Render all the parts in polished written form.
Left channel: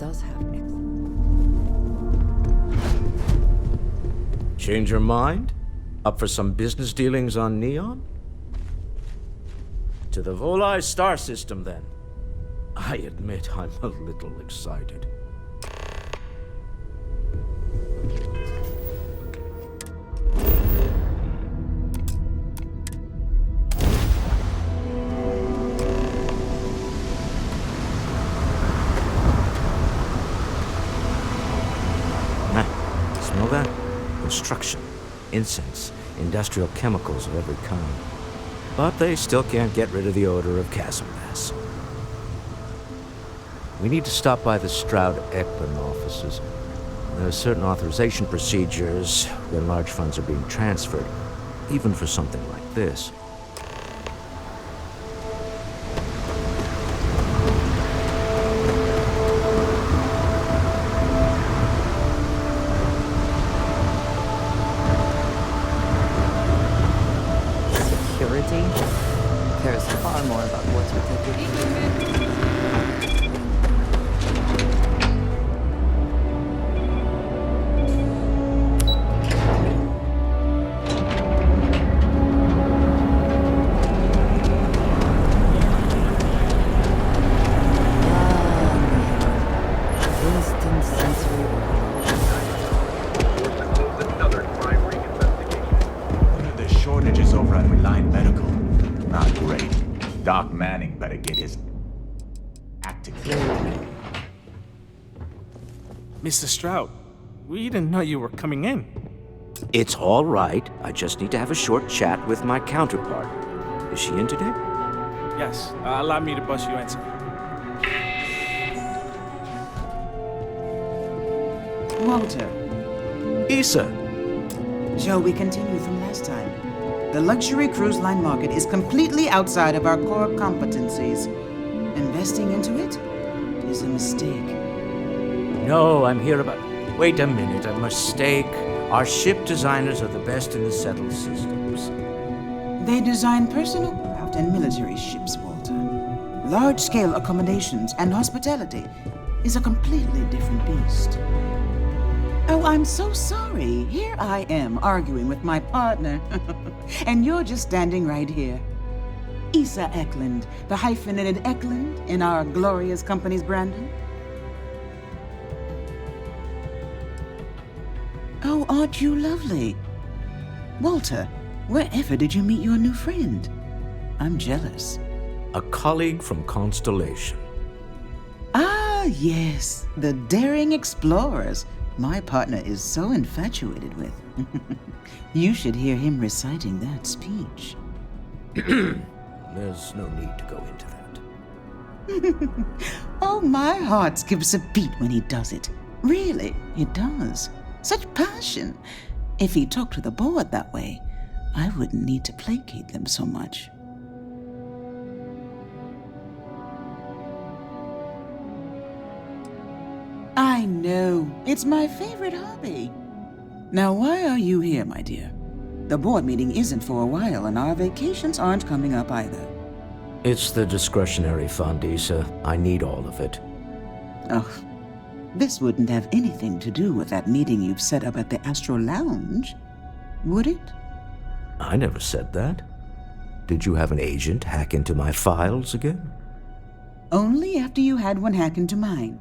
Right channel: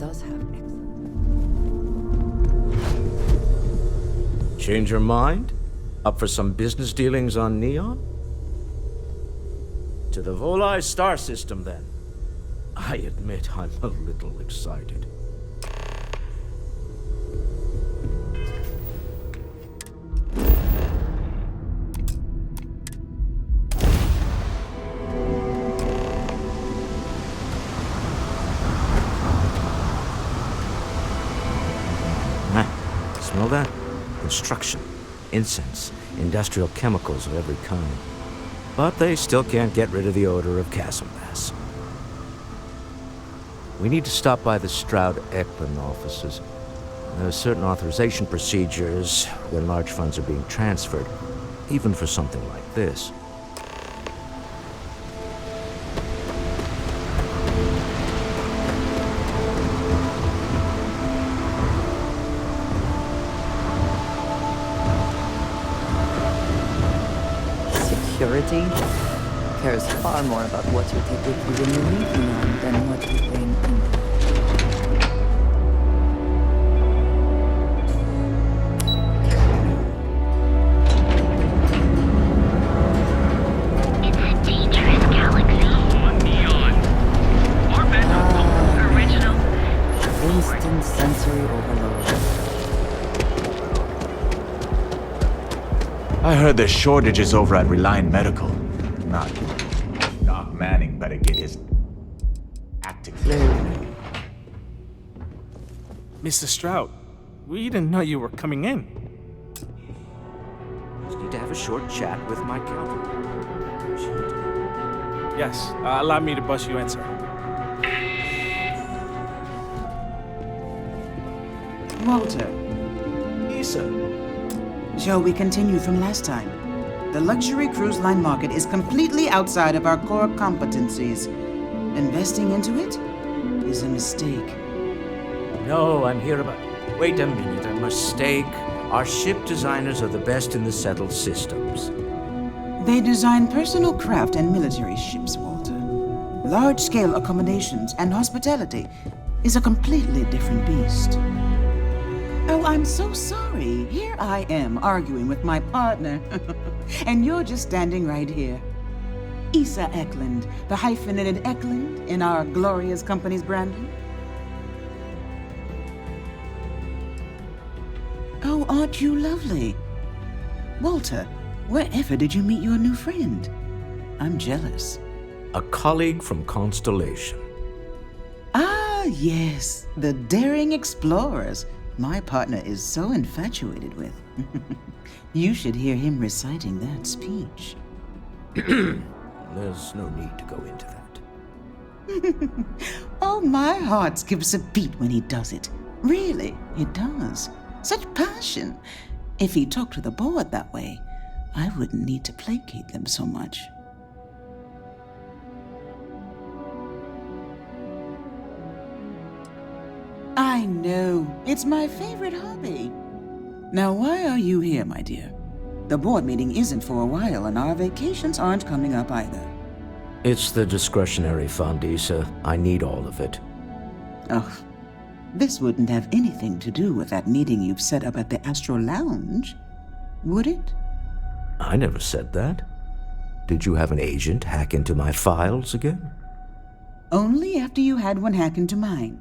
does have excellent. Change your mind? Up for some business dealings on Neon? To the Volai star system, then. I admit I'm a little excited. Smell that? Construction, incense, industrial chemicals of every kind. But they still can't get rid of the odor of Casimbass. We need to stop by the Stroud-Eklund offices. There are certain authorization procedures when large funds are being transferred, even for something like this. Security cares far more about what you take with you when you leave than what you bring in. Instant sensory overload. I heard there's shortages over at Reliant Medical. Not great. Doc Manning better get his act together. Mr. Stroud, we didn't know you were coming in. It's all right. I just need to have a short chat with my counterpart. Is she in today? Yes, allow me to bust you in, sir. Walter, Issa. shall we continue from last time? The luxury cruise line market is completely outside of our core competencies. Investing into it is a mistake. No, I'm here about... Wait a minute, a mistake. Our ship designers are the best in the settled systems. They design personal craft and military ships, Walter. Large-scale accommodations and hospitality is a completely different beast. Oh, I'm so sorry. Here I am arguing with my partner. And you're just standing right here. Issa Eklund, the hyphenated Eklund in our glorious company's branding. Oh, aren't you lovely? Walter, wherever did you meet your new friend? I'm jealous. A colleague from Constellation. Ah, yes, the daring explorers my partner is so infatuated with. You should hear him reciting that speech. There's no need to go into that. Oh, my heart skips a beat when he does it. Really, it does. Such passion. If he talked to the board that way, I wouldn't need to placate them so much. I know. It's my favorite hobby. Now, why are you here, my dear? The board meeting isn't for a while, and our vacations aren't coming up either. It's the discretionary fund, Issa. I need all of it. Oh, this wouldn't have anything to do with that meeting you've set up at the Astro Lounge, would it? I never said that. Did you have an agent hack into my files again? Only after you had one hack into mine.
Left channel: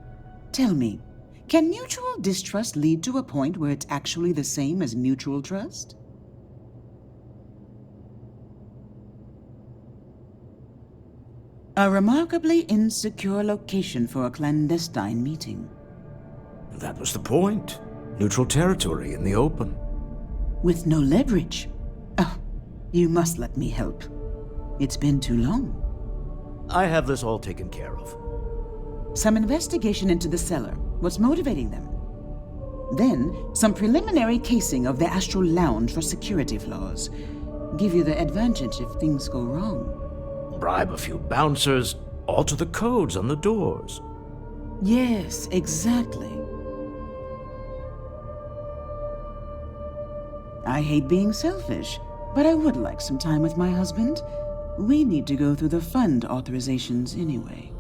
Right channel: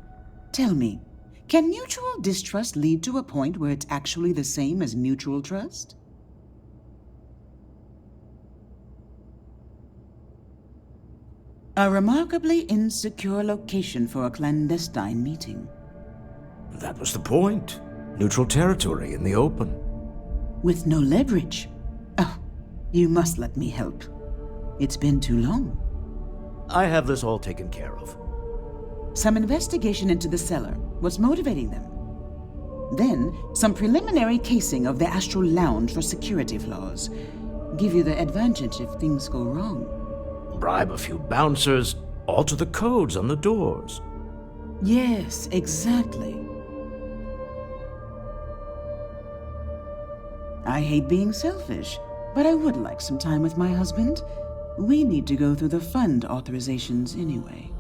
Tell me, can mutual distrust lead to a point where it's actually the same as mutual trust? A remarkably insecure location for a clandestine meeting. That was the point. Neutral territory in the open. With no leverage. Oh, you must let me help. It's been too long. I have this all taken care of. Some investigation into the cellar. What's motivating them? Then, some preliminary casing of the Astral Lounge for security flaws. Give you the advantage if things go wrong. Bribe a few bouncers, alter the codes on the doors. Yes, exactly. I hate being selfish, but I would like some time with my husband. We need to go through the fund authorizations anyway.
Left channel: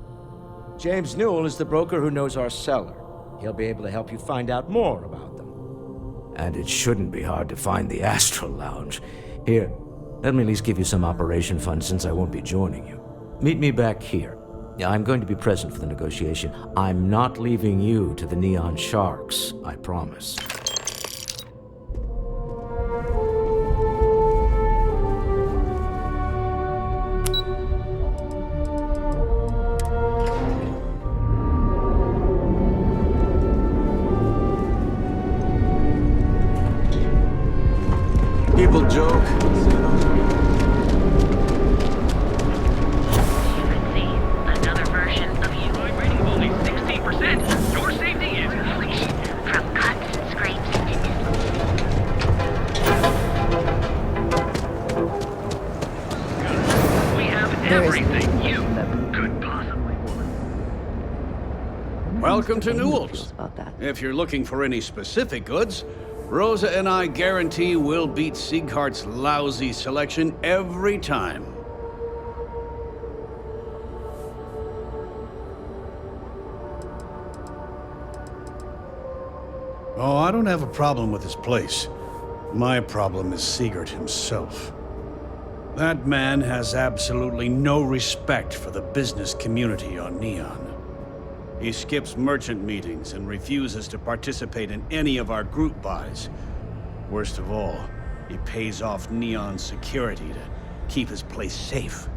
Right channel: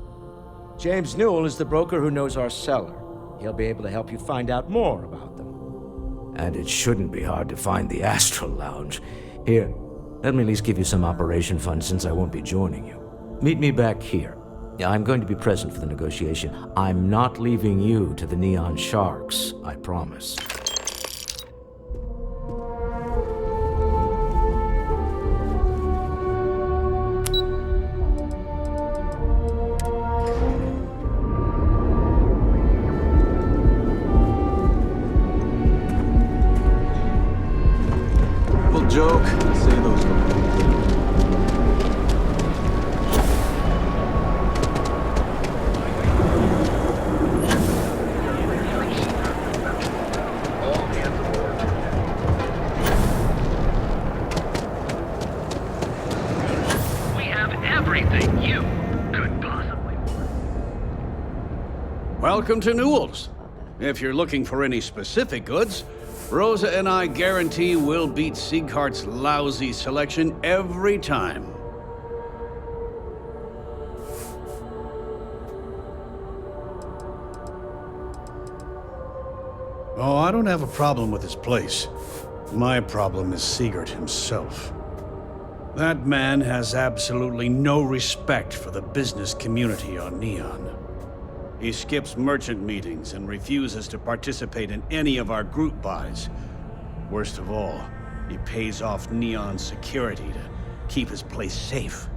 James Newell is the broker who knows our seller. He'll be able to help you find out more about them. And it shouldn't be hard to find the Astral Lounge. Here, let me at least give you some operation funds since I won't be joining you. Meet me back here. I'm going to be present for the negotiation. I'm not leaving you to the Neon Sharks, I promise. People joke, say those words. Another version of you rating only 60%. Your safety is free from cuts, scrapes, we have everything you could possibly want. Welcome to Newell's. About that. If you're looking for any specific goods, Rosa and I guarantee we'll beat Sieghart's lousy selection every time. Oh, I don't have a problem with this place. My problem is Siegert himself. That man has absolutely no respect for the business community on Neon. He skips merchant meetings and refuses to participate in any of our group buys. Worst of all, he pays off Neon security to keep his place safe.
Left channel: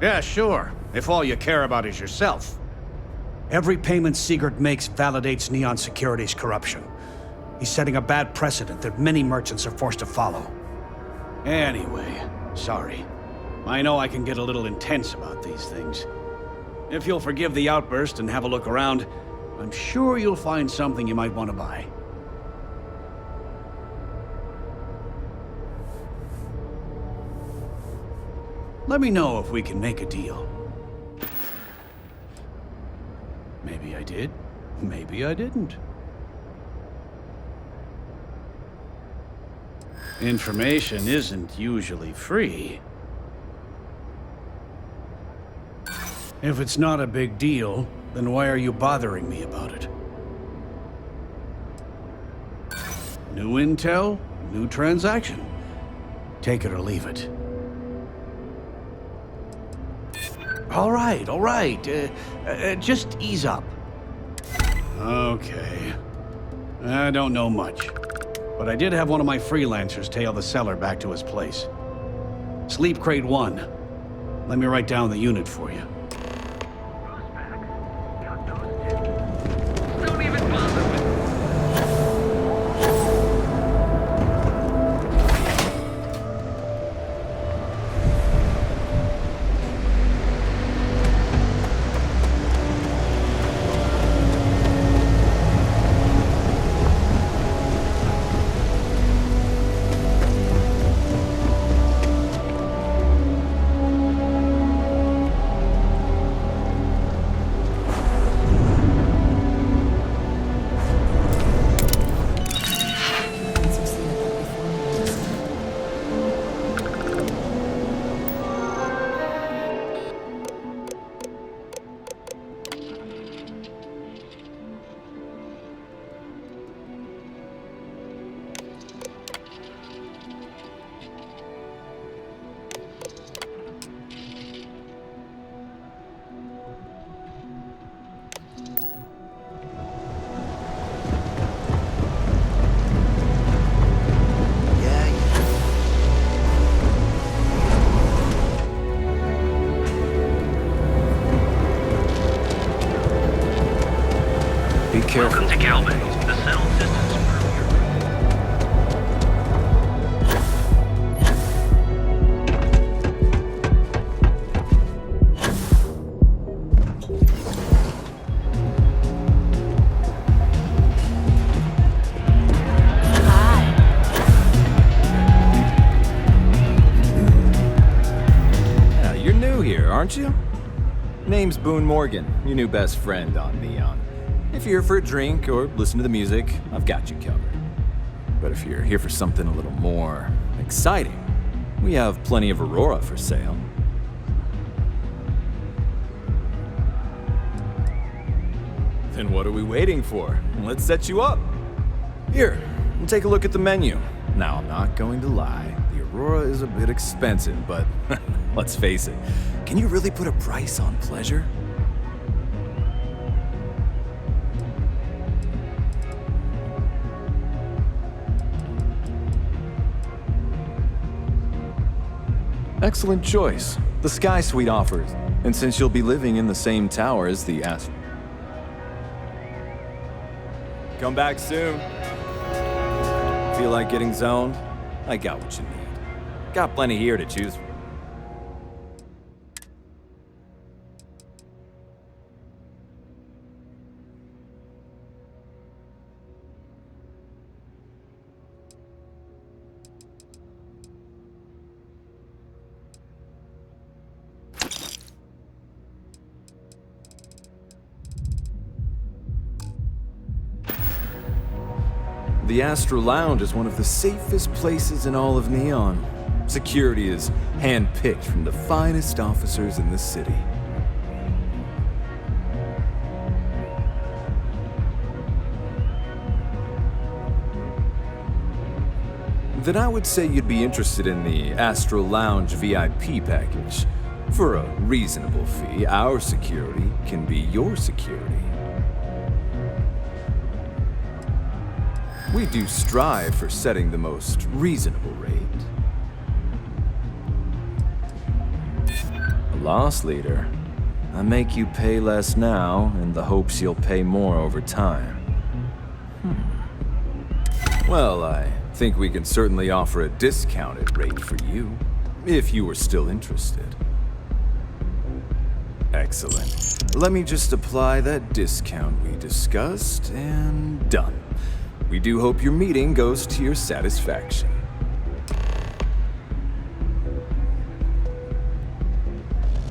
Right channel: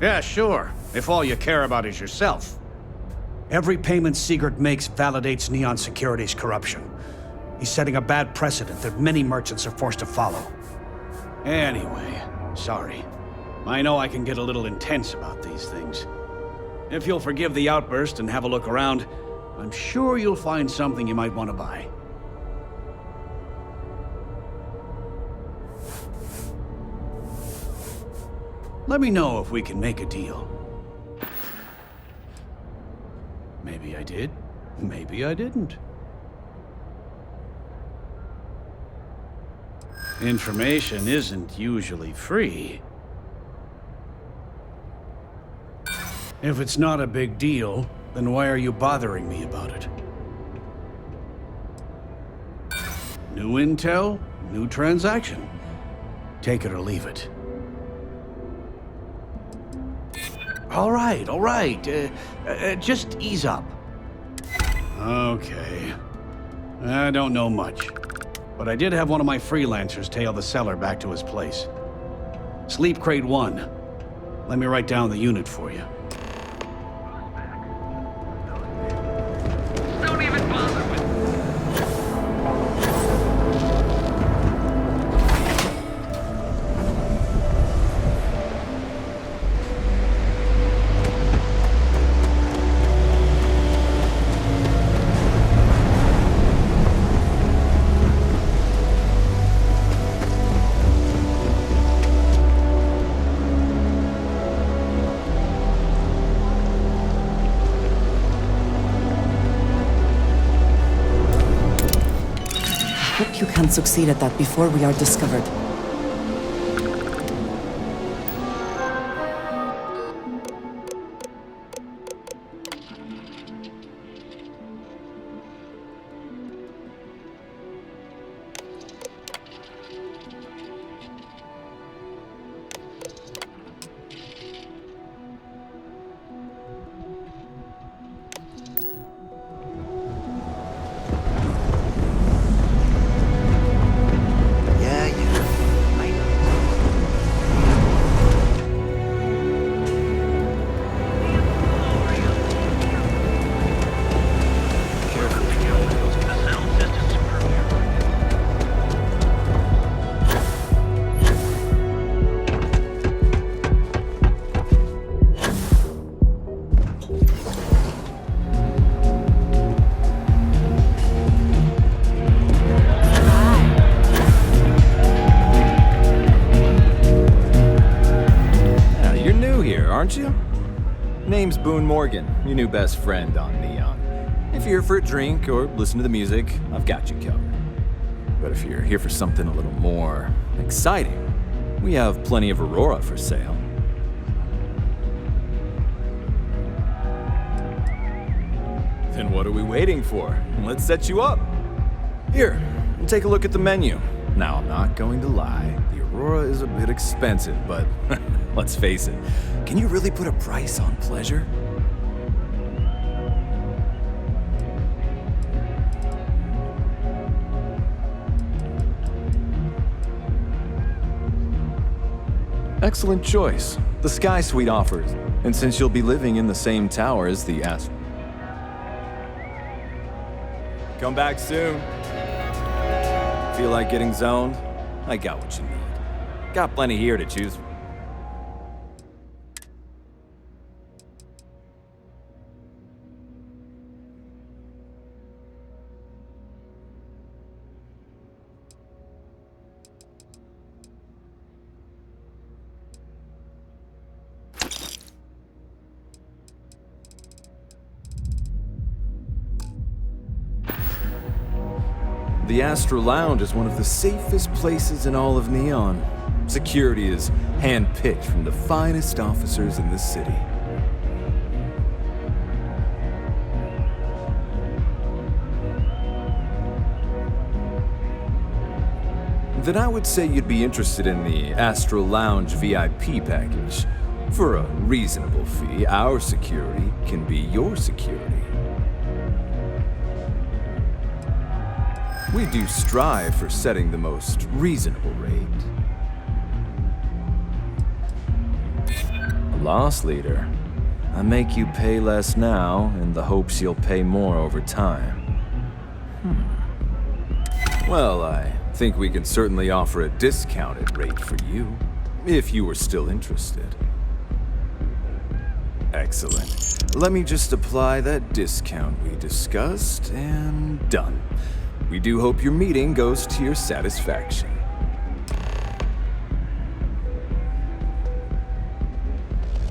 Yeah, sure, if all you care about is yourself. Every payment Siegert makes validates Neon Security's corruption. He's setting a bad precedent that many merchants are forced to follow. Anyway, sorry. I know I can get a little intense about these things. If you'll forgive the outburst and have a look around, I'm sure you'll find something you might want to buy. Let me know if we can make a deal. Maybe I did, maybe I didn't. Information isn't usually free. If it's not a big deal, then why are you bothering me about it? New intel, new transaction. Take it or leave it. All right. Just ease up. Okay. I don't know much, but I did have one of my freelancers tail the seller back to his place. Sleep Crate 1. Let me write down the unit for you. Don't even bother with Hope you can succeed at that before we are discovered. Welcome to Calvin. The sound system's premier. Yeah, you're new here, aren't you? Name's Boone Morgan, your new best friend on Neon. If you're here for a drink or listen to the music, I've got you covered. But if you're here for something a little more exciting, we have plenty of Aurora for sale. Then what are we waiting for? Let's set you up. Here, take a look at the menu. Now, I'm not going to lie. The Aurora is a bit expensive, but let's face it. Can you really put a price on pleasure? Excellent choice. The Sky Suite offers. And since you'll be living in the same tower as the Come back soon. Feel like getting zoned? I got what you need. Got plenty here to choose from. The Astro Lounge is one of the safest places in all of Neon. Security is hand-picked from the finest officers in the city. Then I would say you'd be interested in the Astro Lounge VIP package. For a reasonable fee, our security can be your security. We do strive for setting the most reasonable rate. A loss leader. I make you pay less now in the hopes you'll pay more over time. Well, I think we can certainly offer a discounted rate for you, if you were still interested. Excellent. Let me just apply that discount we discussed, and done. We do hope your meeting goes to your satisfaction.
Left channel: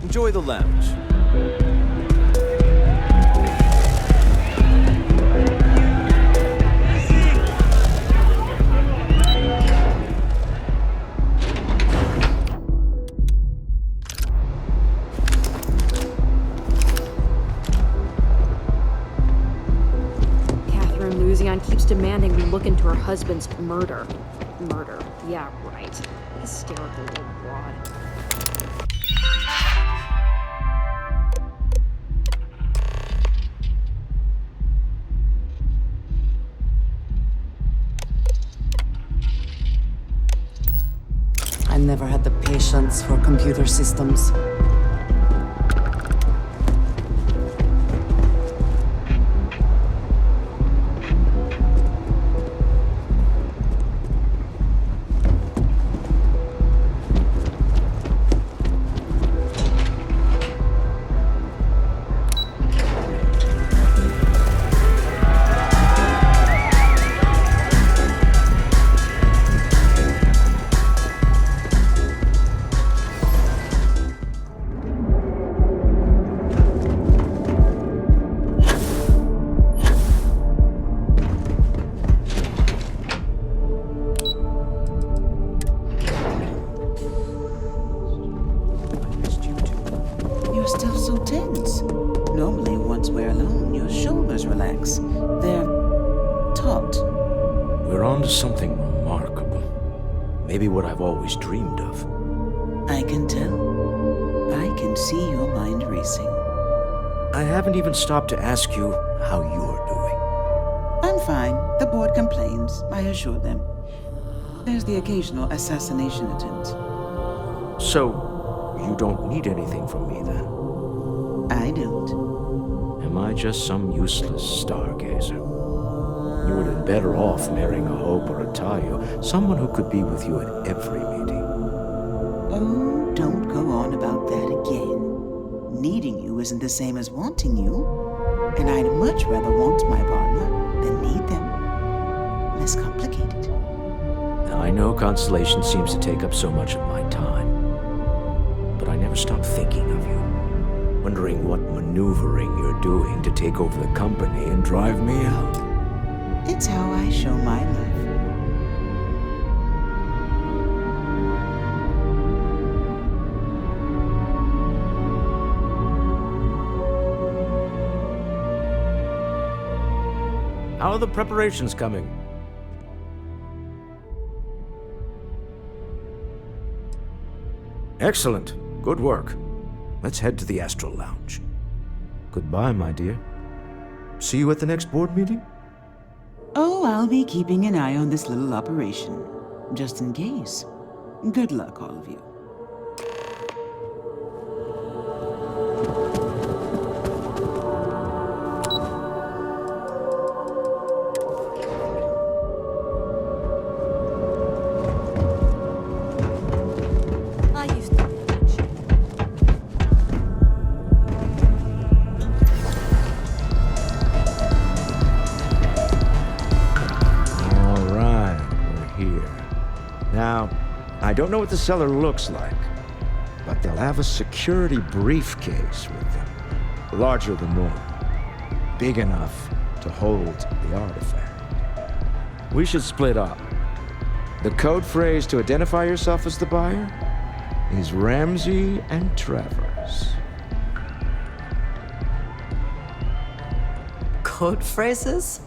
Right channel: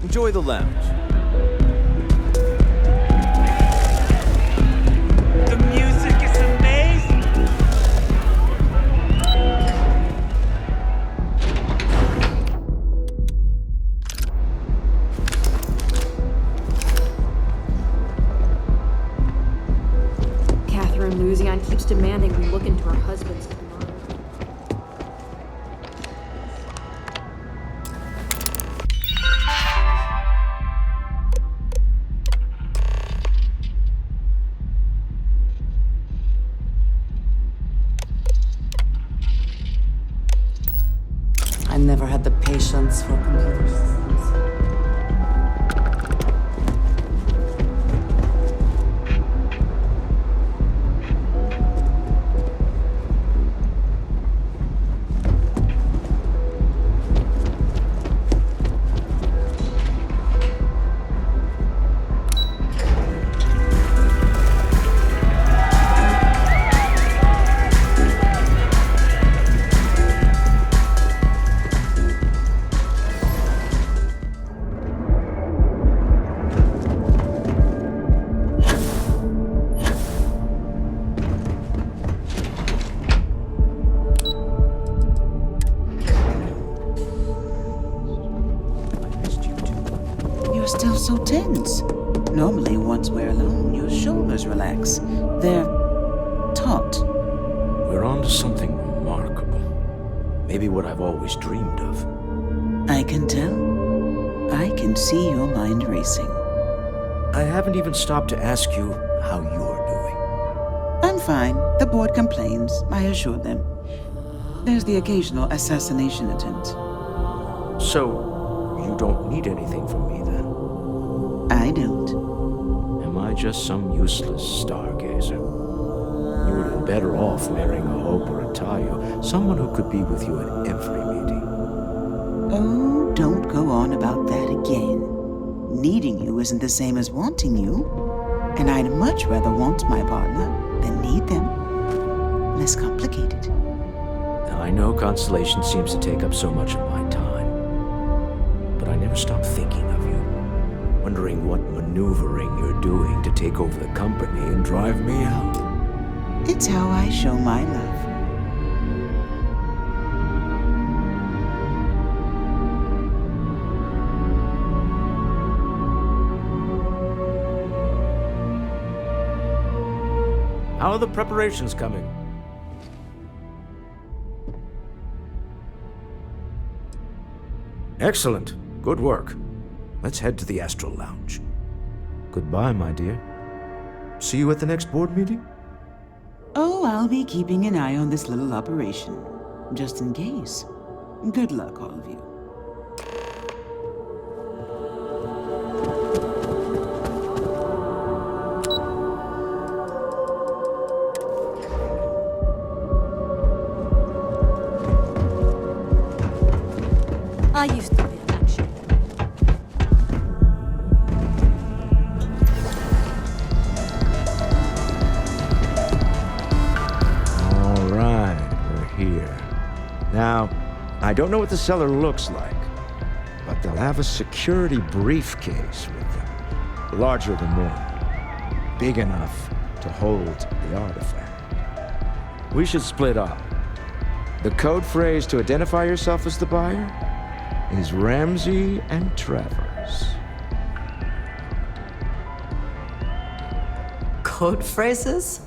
Enjoy the lounge. The music is amazing! Catherine Luzion keeps demanding we look into her husband's murder. Yeah, right. Hysterical wad. I never had the patience for computer systems. You're still so tense. Normally, once we're alone, your shoulders relax. They're taut. We're on to something remarkable. Maybe what I've always dreamed of. I can tell. I can see your mind racing. I haven't even stopped to ask you how you're doing. I'm fine. The board complains, I assure them. There's the occasional assassination attempt. So, you don't need anything from me then? I don't. Am I just some useless stargazer? You would have been better off marrying a Hope or a Tayo, someone who could be with you at every meeting. Oh, don't go on about that again. Needing you isn't the same as wanting you. And I'd much rather want my partner than need them. Less complicated. Now, I know Constellation seems to take up so much of my time, but I never stop thinking of you, wondering what maneuvering you're doing to take over the company and drive me out. It's how I show my love. How are the preparations coming? Excellent. Good work. Let's head to the Astral Lounge. Goodbye, my dear. See you at the next board meeting? Oh, I'll be keeping an eye on this little operation, just in case. Good luck, all of you. I used to be an action. All right, we're here. Now, I don't know what the cellar looks like, but they'll have a security briefcase with them, larger than normal, big enough to hold the artifact. We should split up. The code phrase to identify yourself as the buyer is Ramsey and Travers. Code phrases?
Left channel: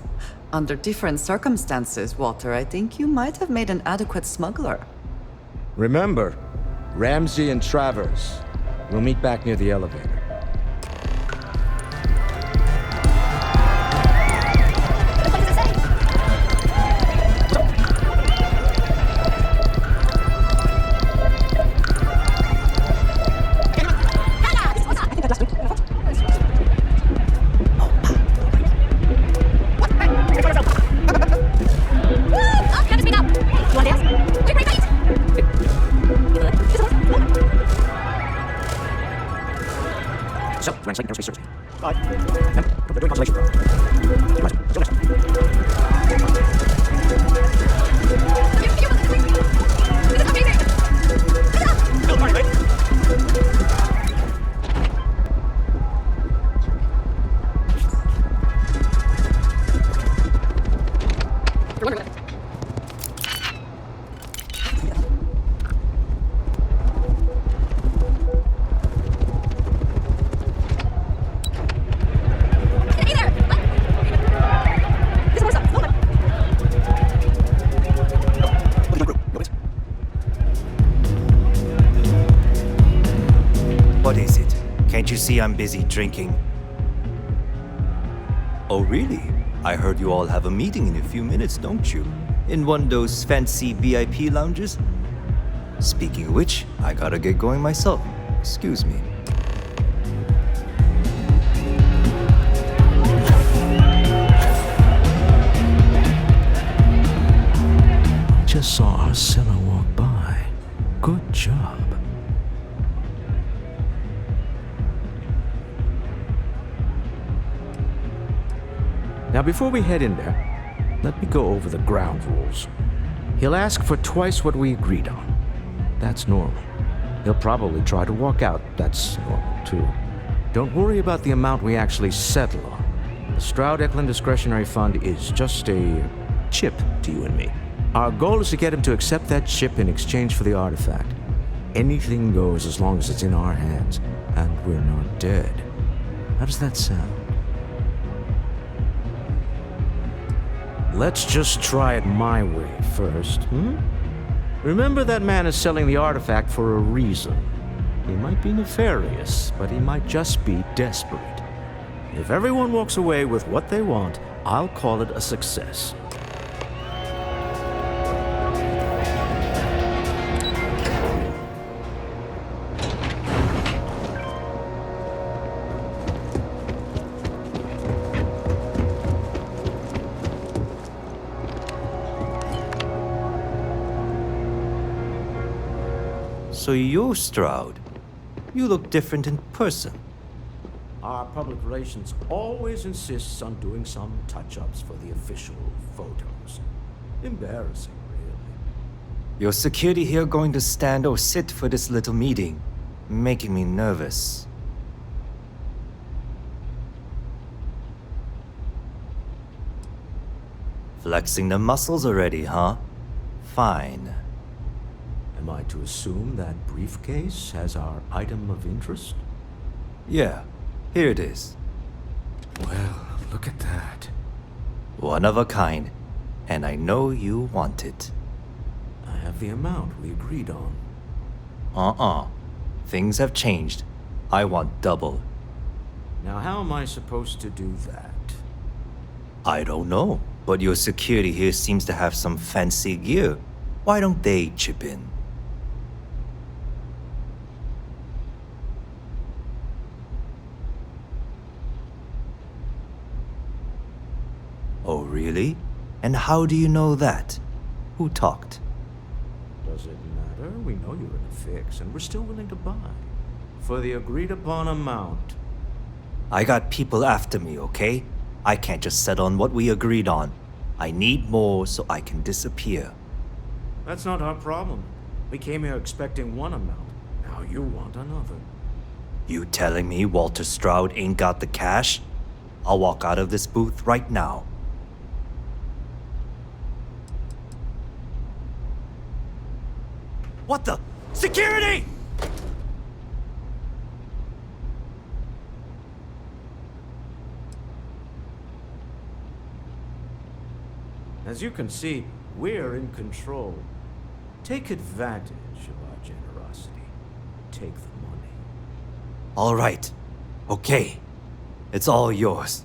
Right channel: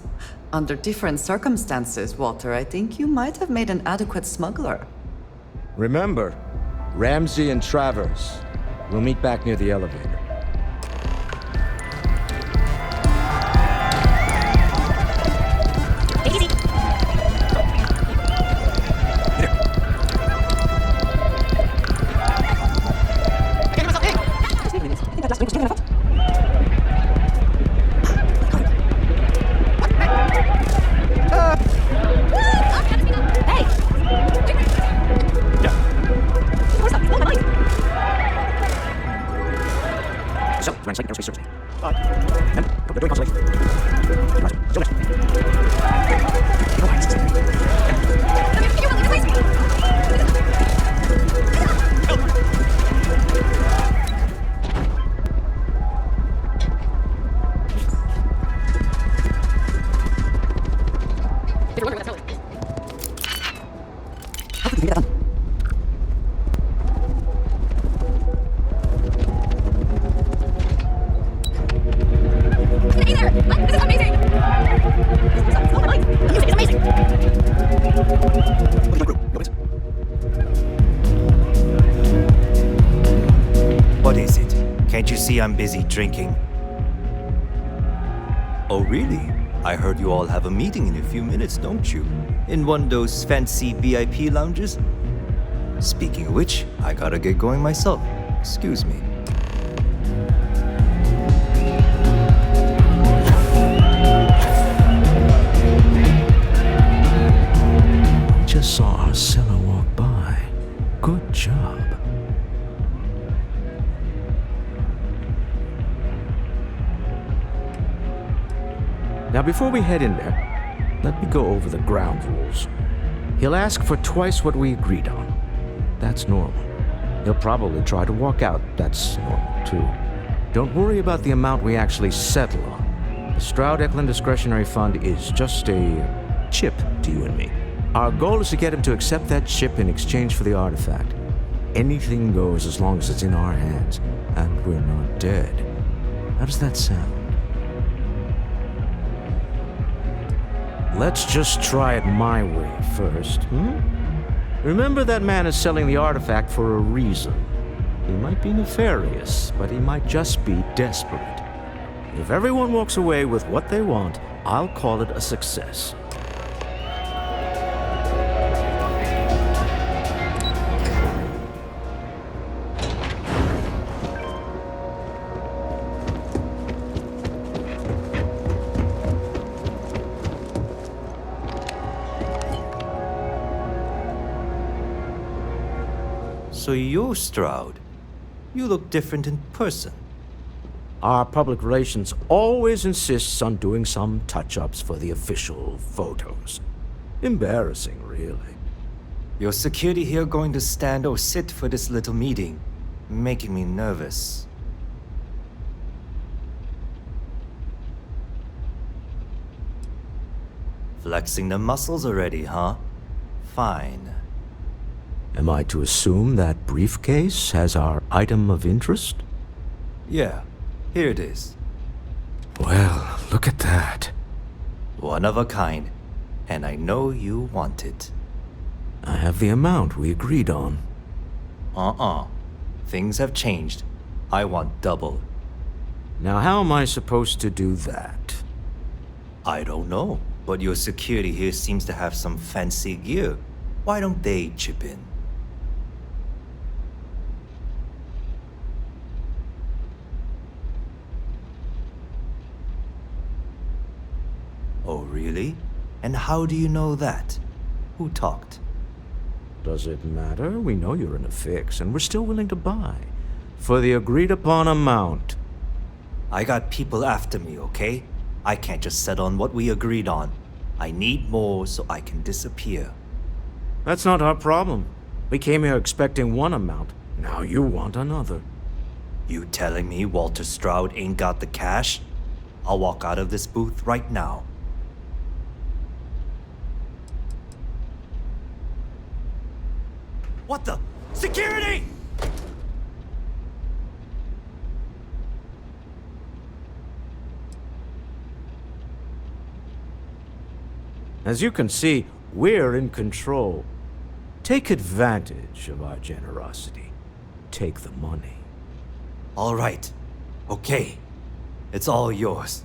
Under different circumstances, Walter, I think you might have made an adequate smuggler. Remember, Ramsey and Travers. We'll meet back near the elevator. So, Aerospace Service. Bye. And we're doing constellation. What is it? Can't you see I'm busy drinking? Oh, really? I heard you all have a meeting in a few minutes, don't you? In one of those fancy VIP lounges? Speaking of which, I gotta get going myself. Excuse me. We just saw our cellar walk by. Good job. Now, before we head in there, let me go over the ground rules. He'll ask for twice what we agreed on. That's normal. He'll probably try to walk out. That's normal, too. Don't worry about the amount we actually settle on. The Stroud-Eklund Discretionary Fund is just a chip to you and me. Our goal is to get him to accept that chip in exchange for the artifact. Anything goes as long as it's in our hands, and we're not dead. How does that sound? Let's just try it my way first, Remember, that man is selling the artifact for a reason. He might be nefarious, but he might just be desperate. If everyone walks away with what they want, I'll call it a success. So you're Stroud. You look different in person. Our public relations always insists on doing some touch-ups for the official photos. Embarrassing, really. Your security here going to stand or sit for this little meeting, making me nervous. Flexing the muscles already, huh? Fine. Am I to assume that briefcase has our item of interest? Yeah, here it is. Well, look at that. One of a kind. And I know you want it. I have the amount we agreed on. Things have changed. I want double. Now, how am I supposed to do that? I don't know, but your security here seems to have some fancy gear. Why don't they chip in? Oh, really? And how do you know that? Who talked? Does it matter? We know you're in a fix, and we're still willing to buy. For the agreed-upon amount. I got people after me, okay? I can't just settle on what we agreed on. I need more so I can disappear. That's not our problem. We came here expecting one amount. Now you want another. You telling me Walter Stroud ain't got the cash? I'll walk out of this booth right now. What the? Security! As you can see, we're in control. Take advantage of our generosity. Take the money. All right. Okay. It's all yours.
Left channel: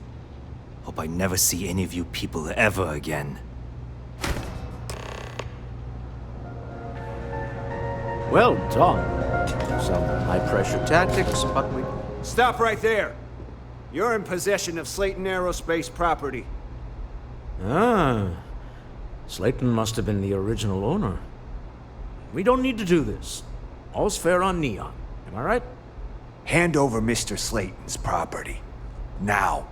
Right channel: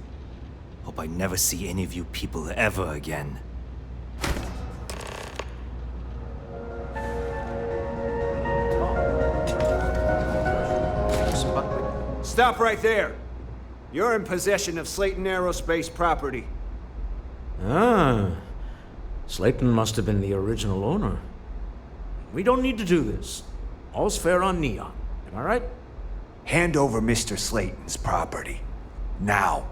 Hope I never see any of you people ever again. Well done. Some high-pressure tactics, but we... Stop right there! You're in possession of Slayton Aerospace property. Ah. Slayton must have been the original owner. We don't need to do this. All's fair on Neon. Am I right? Hand over Mr. Slayton's property. Now.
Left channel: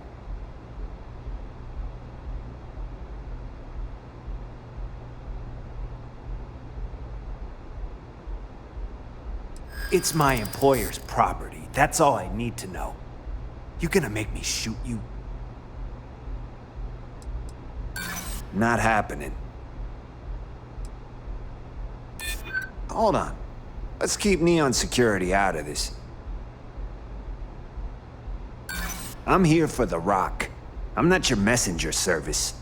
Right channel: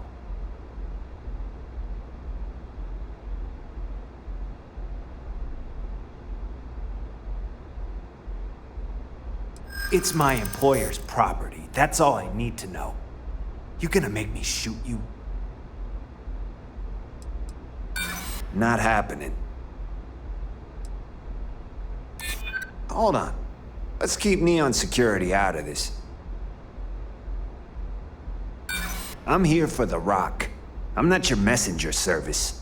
It's my employer's property. That's all I need to know. You gonna make me shoot you? Not happening. Hold on. Let's keep Neon Security out of this. I'm here for the rock. I'm not your messenger service.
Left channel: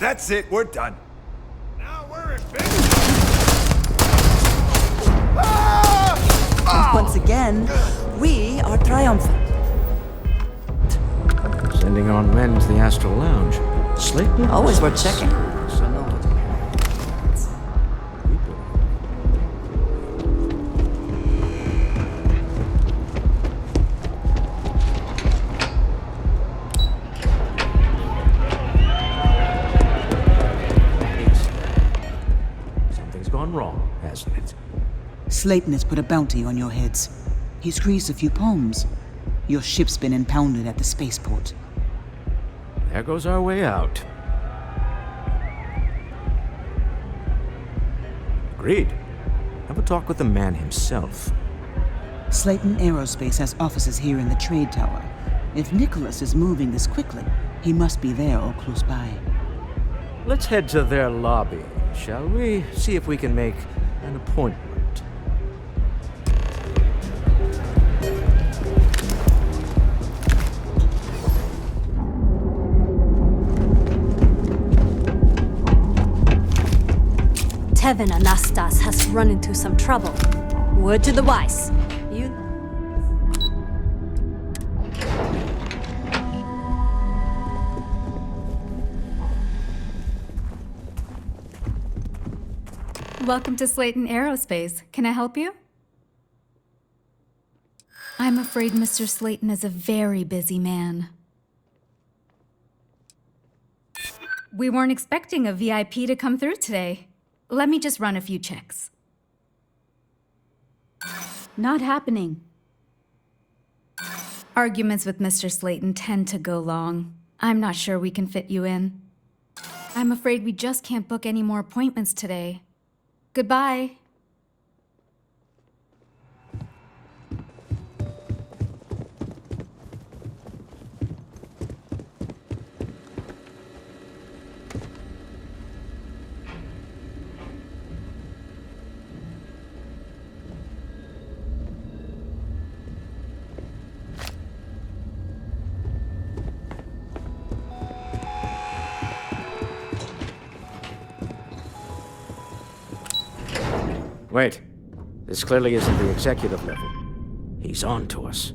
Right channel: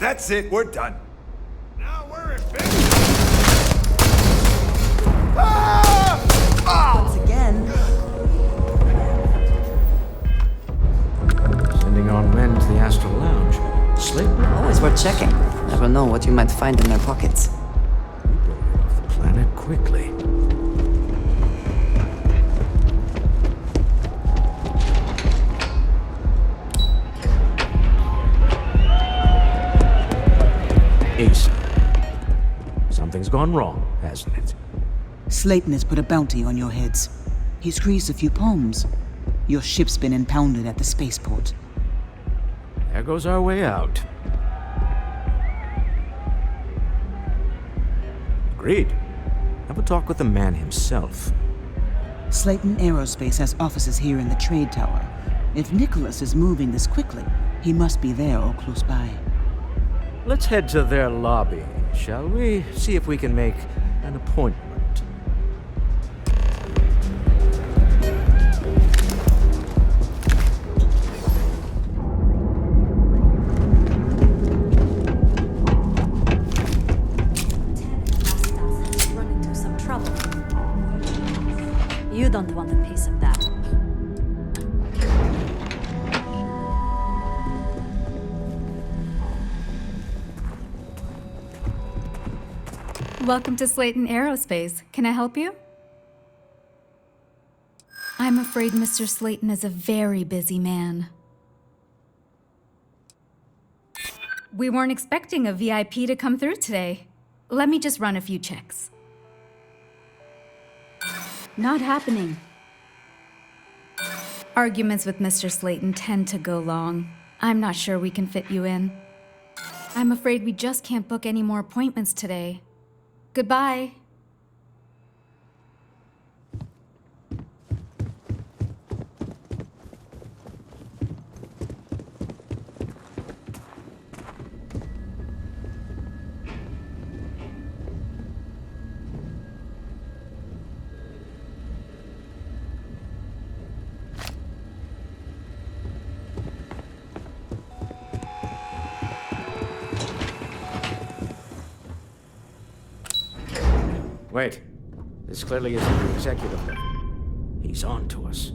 That's it, we're done. Now we're in business. Once again, we are triumphant. Sending on men to the Astral Lounge. Slayton? Always worth checking. Never know what you might find in their pockets. We better get off the planet quickly. Ace. Something's gone wrong, hasn't it? Slayton has put a bounty on your heads. He squeezed a few palms. Your ship's been impounded at the spaceport. There goes our way out. Agreed. Have a talk with the man himself. Slayton Aerospace has offices here in the trade tower. If Nicholas is moving this quickly, he must be there or close by. Let's head to their lobby, shall we? See if we can make an appointment. Tevin Anastas has run into some trouble. Word to the wise. You don't want a piece of that. Welcome to Slayton Aerospace. Can I help you? I'm afraid Mr. Slayton is a very busy man. We weren't expecting a VIP to come through today. Let me just run a few checks. Not happening. Arguments with Mr. Slayton tend to go long. I'm not sure we can fit you in. I'm afraid we just can't book any more appointments today. Goodbye. Wait. This clearly isn't the executive level. He's on to us.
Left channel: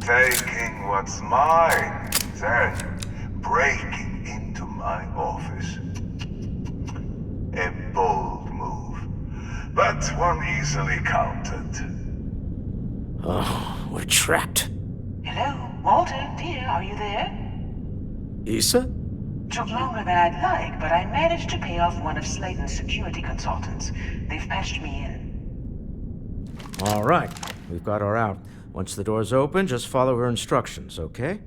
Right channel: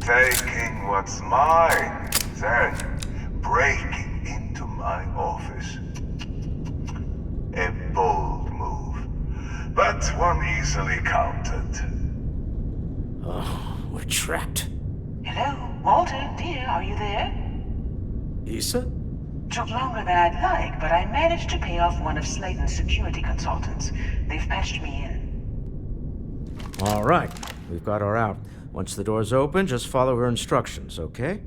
Taking what's mine, then breaking into my office. A bold move, but one easily countered. Oh, we're trapped. Hello, Walter, dear, are you there? Issa? Took longer than I'd like, but I managed to pay off one of Slayton's security consultants. They've patched me in. All right. We've got her out. Once the door's open, just follow her instructions, okay?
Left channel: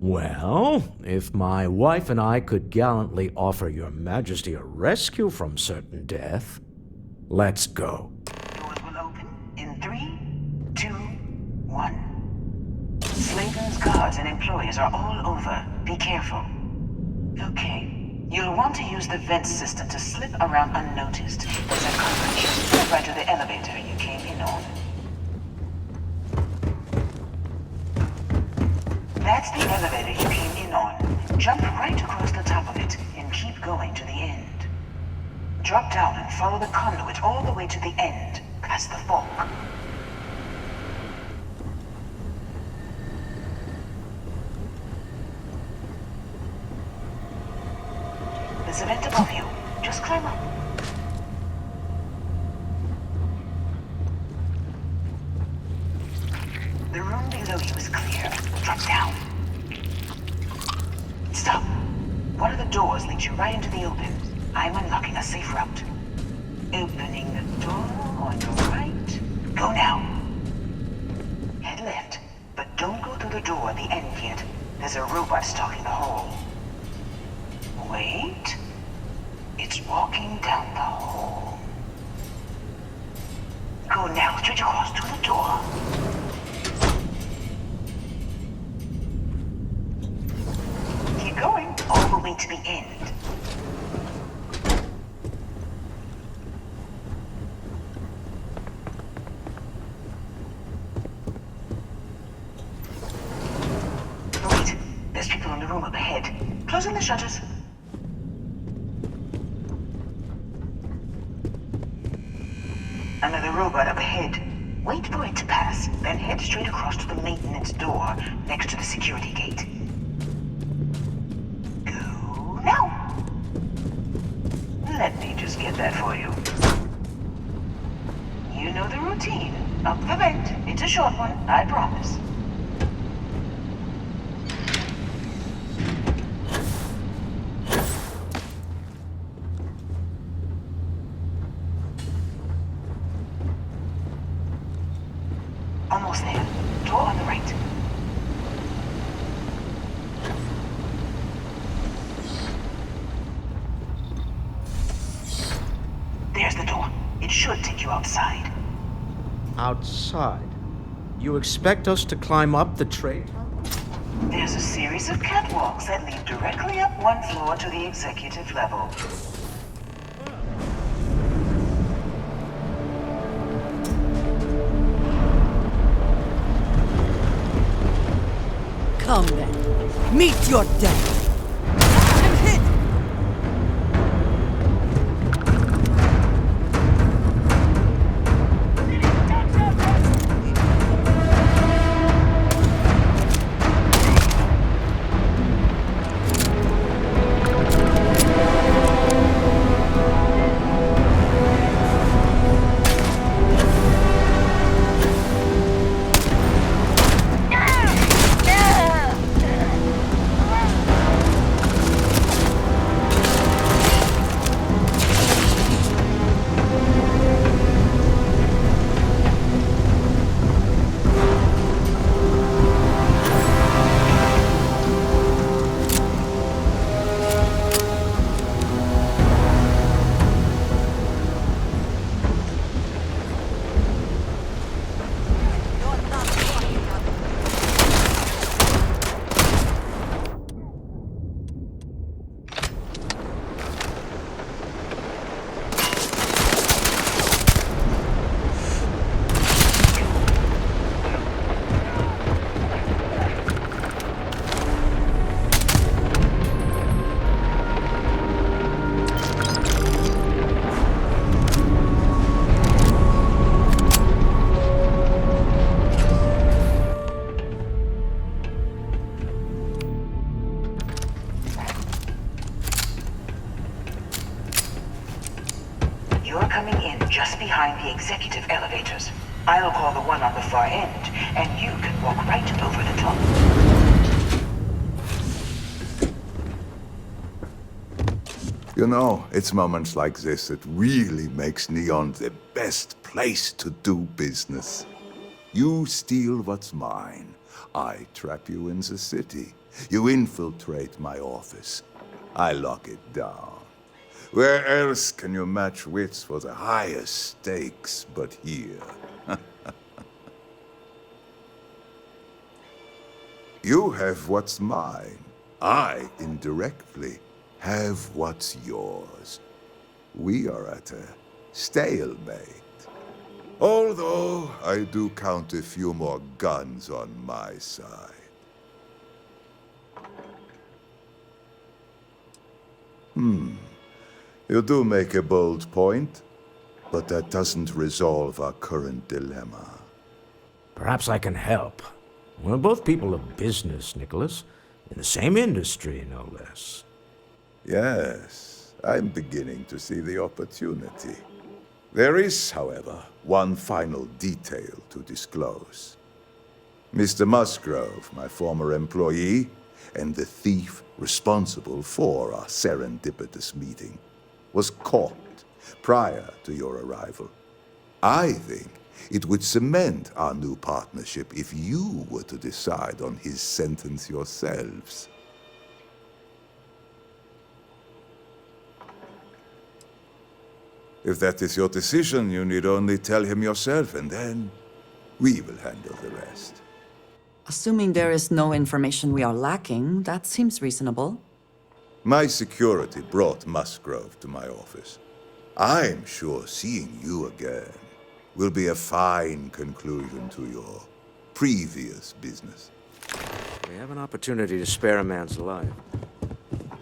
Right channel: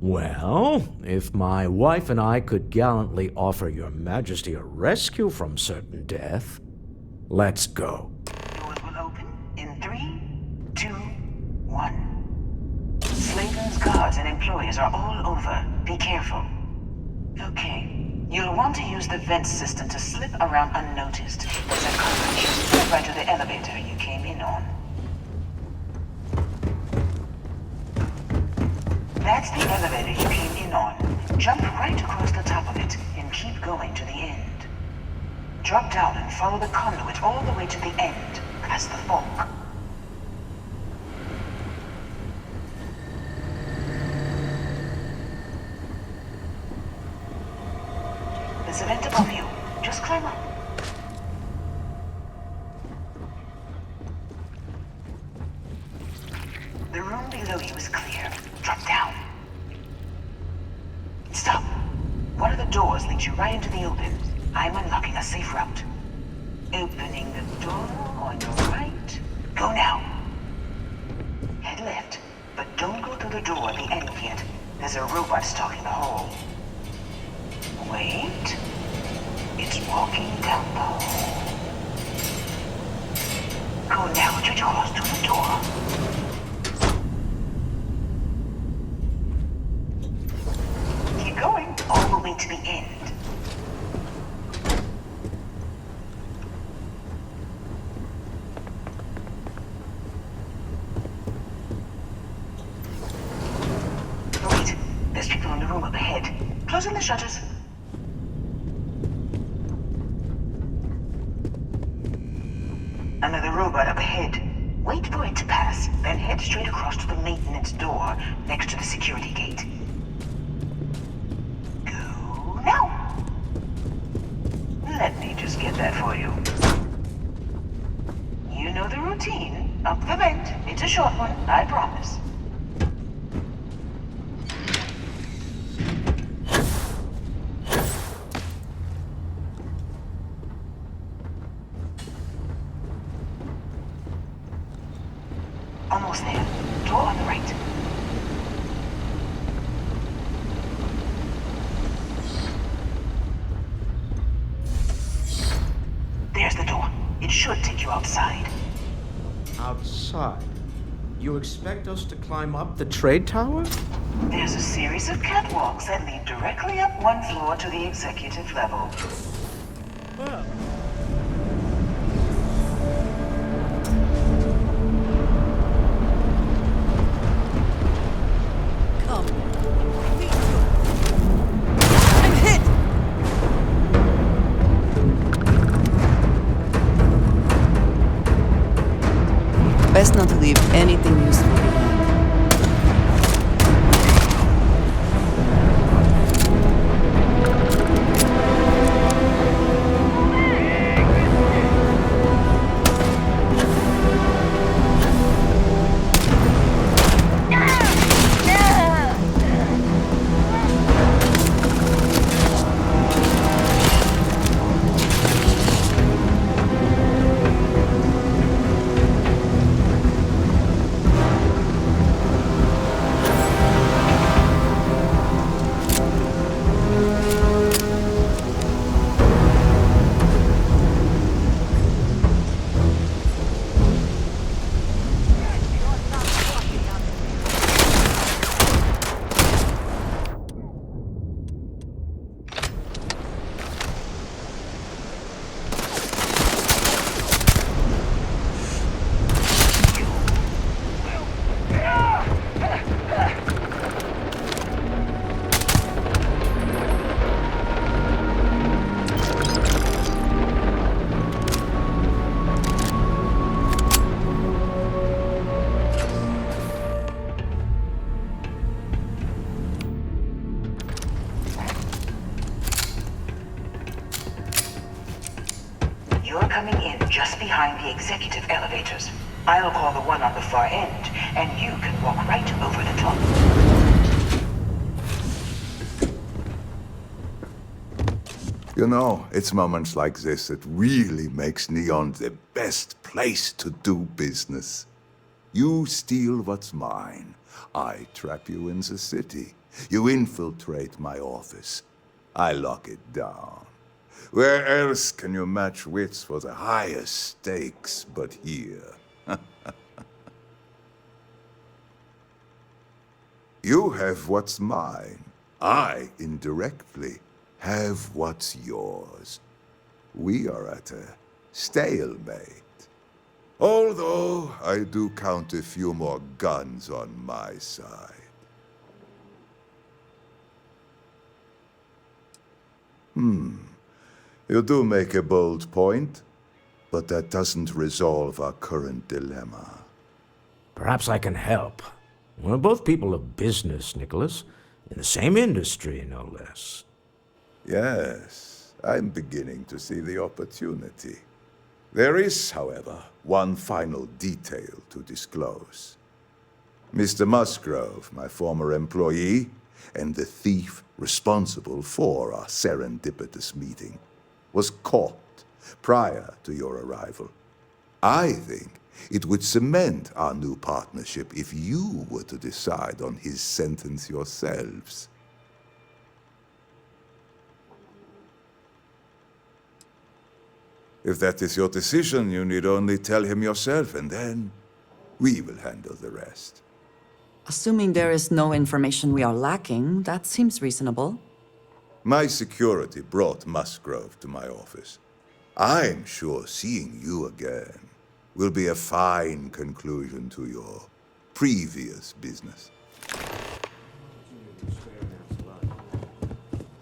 Well, if my wife and I could gallantly offer your majesty a rescue from certain death, let's go. Doors will open in 3, 2, 1. Slayton's guards and employees are all over. Be careful. Okay. You'll want to use the vent system to slip around unnoticed. There's a coverage right to the elevator you came in on. That's the elevator you came in on. Jump right across the top of it and keep going to the end. Drop down and follow the conduit all the way to the end, past the fog. There's a vent above you. Just climb up. The room below you is clear. Drop down. Stop. One of the doors leads you right into the open. I'm unlocking a safe route. Opening the door on your right. Go now. Head left, but don't go through the door at the end yet. There's a robot stalking the hall. Wait. It's walking down the hall. Go now, straight across to the door. Keep going all the way to the end. Wait, there's people in the room up ahead. Closing the shutters. Another robot up ahead. Wait for it to pass, then head straight across to the maintenance door next to the security gate. Go now. Let me just get that for you. You know the routine. Up the vent. It's a short one, I promise. Almost there. Door on the right. There's the door. It should take you outside. Outside? You expect us to climb up the trade tower? There's a series of catwalks that lead directly up one floor to the executive level. Come then. Meet your death. I'm hit! Best not to leave anything loose. You're coming in just behind the executive elevators. I'll call the one on the far end, and you can walk right over the top. You know, it's moments like this that really makes Neon the best place to do business. You steal what's mine. I trap you in the city. You infiltrate my office. I lock it down. Where else can you match wits for the highest stakes but here? You have what's mine. I, indirectly, have what's yours. We are at a stalemate. Although I do count a few more guns on my side. You do make a bold point, but that doesn't resolve our current dilemma. Perhaps I can help. We're both people of business, Nicholas. In the same industry, no less. Yes, I'm beginning to see the opportunity. There is, however, one final detail to disclose. Mr. Musgrove, my former employee, and the thief responsible for our serendipitous meeting, was caught prior to your arrival. I think it would cement our new partnership if you were to decide on his sentence yourselves. If that is your decision, you need only tell him yourself, and then we will handle the rest. Assuming there is no information we are lacking, that seems reasonable. My security brought Musgrove to my office. I'm sure seeing you again will be a fine conclusion to your previous business. We have an opportunity to spare a man's life.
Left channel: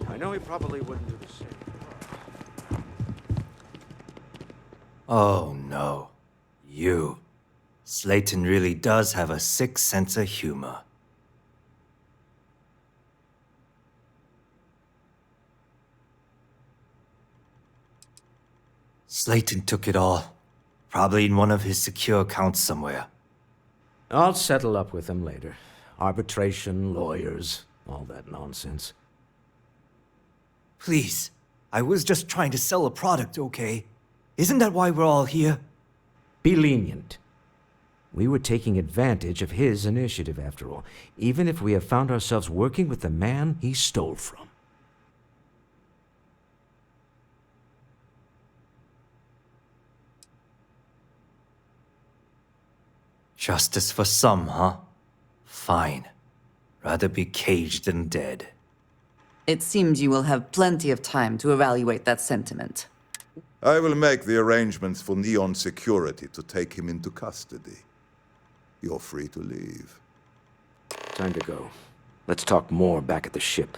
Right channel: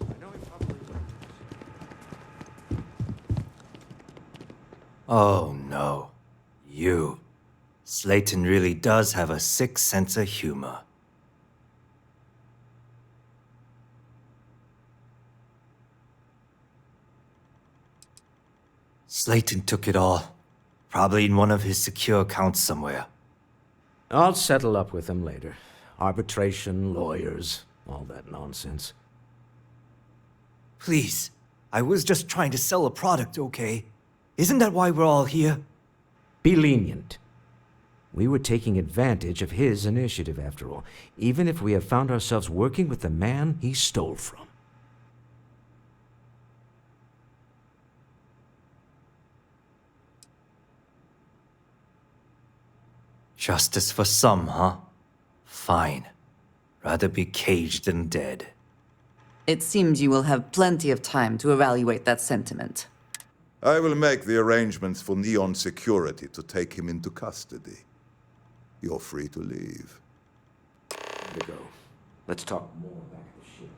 I know he probably wouldn't do the same. Oh no. You. Slayton really does have a sick sense of humor. Slayton took it all. Probably in one of his secure accounts somewhere. I'll settle up with him later. Arbitration, lawyers, all that nonsense. Please. I was just trying to sell a product, okay? Isn't that why we're all here? Be lenient. We were taking advantage of his initiative, after all, even if we have found ourselves working with the man he stole from. Justice for some, huh? Fine. Rather be caged than dead. It seems you will have plenty of time to evaluate that sentiment. I will make the arrangements for Neon Security to take him into custody. You're free to leave. Time to go. Let's talk more back at the ship.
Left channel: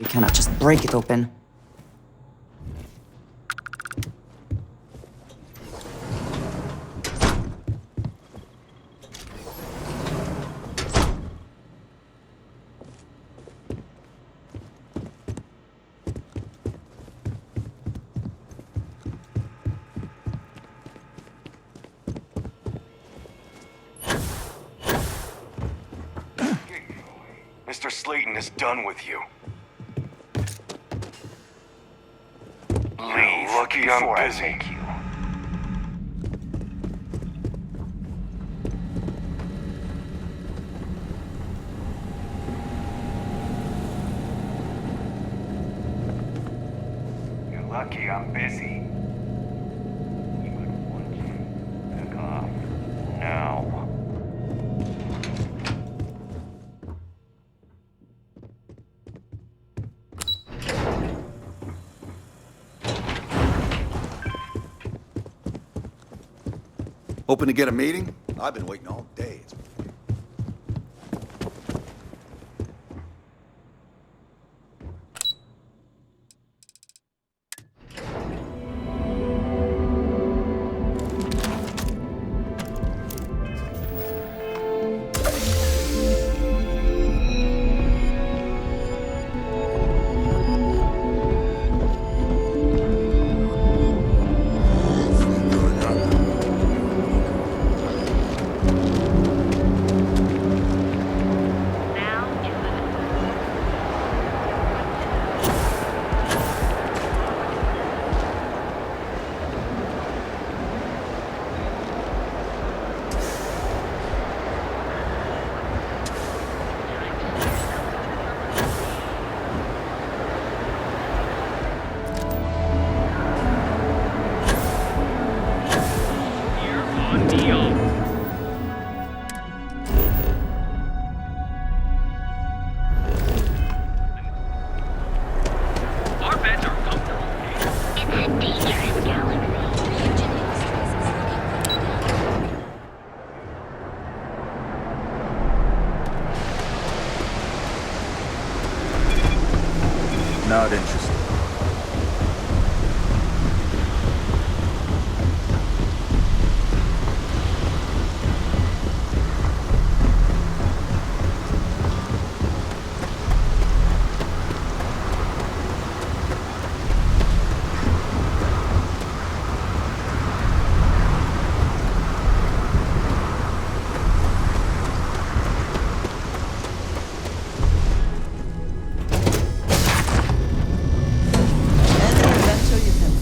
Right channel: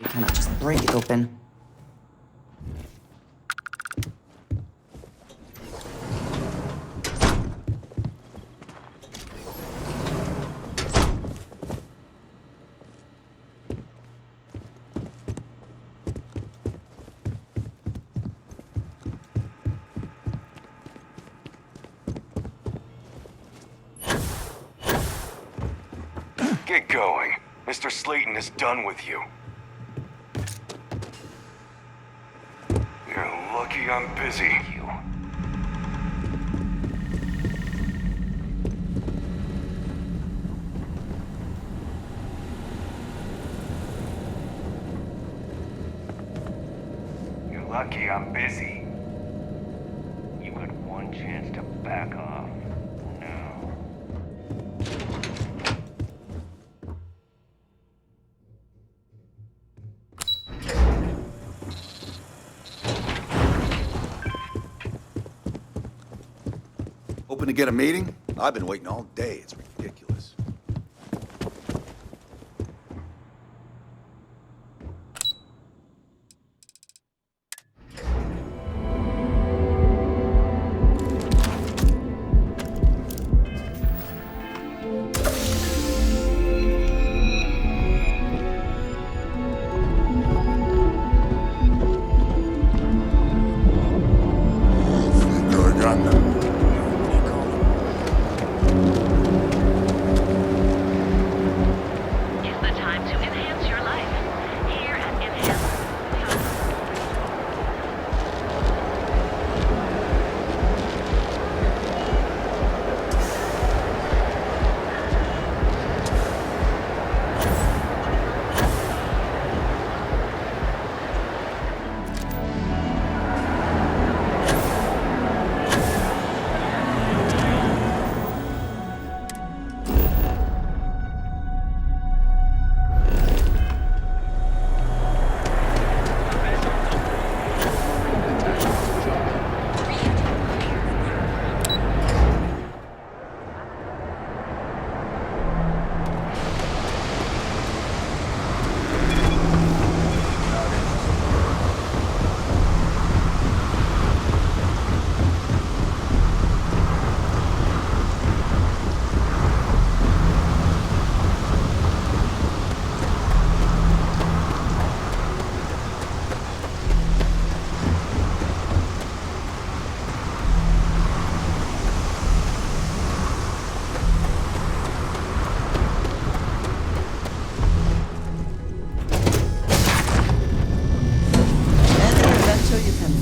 We cannot just break it open. Get going. Mr. Slayton is done with you. You're lucky I'm busy. You're lucky I'm busy. You got one chance to back off. Now. Hoping to get a meeting? I've been waiting all day. It's ridiculous. Not interested.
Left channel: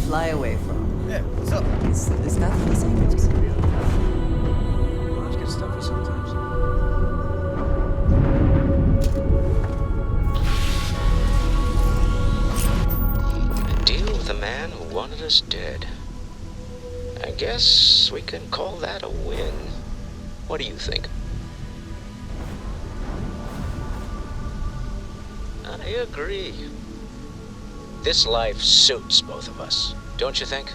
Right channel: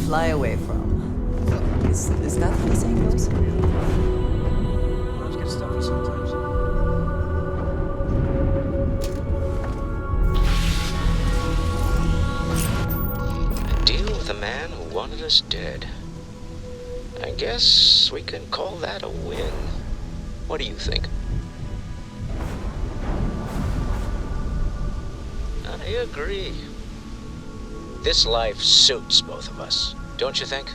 Fly away from. Yeah, what's up? Is that how the saying goes? Lives get stuffy sometimes. A deal with a man who wanted us dead. I guess we can call that a win. What do you think? I agree. This life suits both of us, don't you think?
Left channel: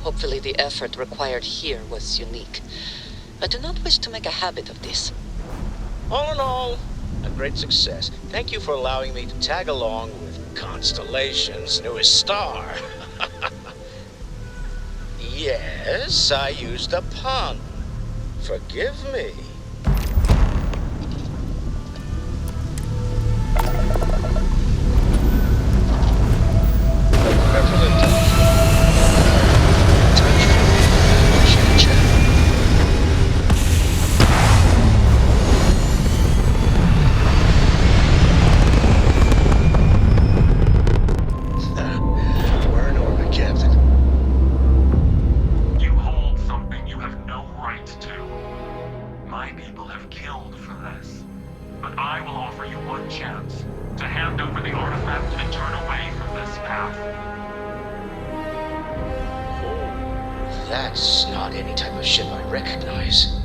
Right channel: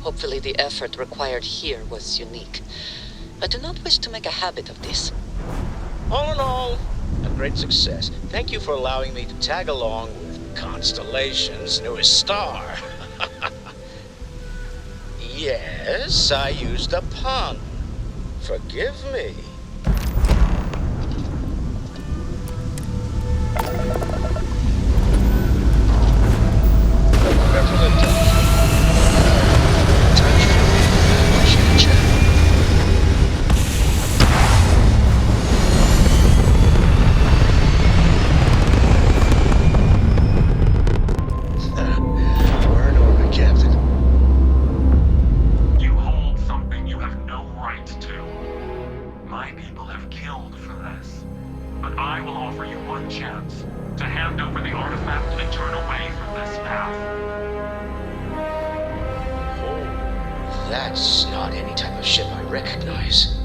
Hopefully the effort required here was unique. I do not wish to make a habit of this. All in all, a great success. Thank you for allowing me to tag along with Constellation's newest star. Yes, I used a pun. Forgive me. We're in orbit, Captain. You hold something you have no right to. My people have killed for this. But I will offer you one chance to hand over the artifact and turn away from this path. Oh, that's not any type of ship I recognize.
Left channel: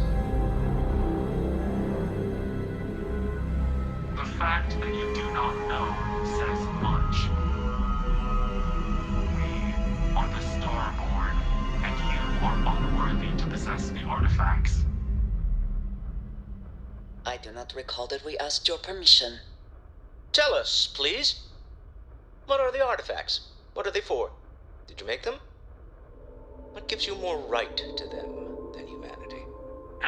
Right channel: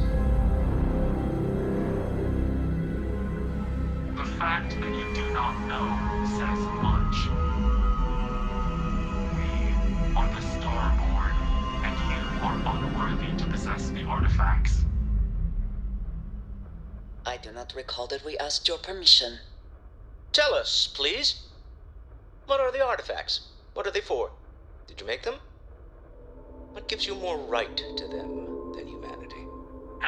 The fact that you do not know says much. We are the Starborn, and you are unworthy to possess the artifacts. I do not recall that we asked your permission. Tell us, please. What are the artifacts? What are they for? Did you make them? What gives you more right to them than humanity?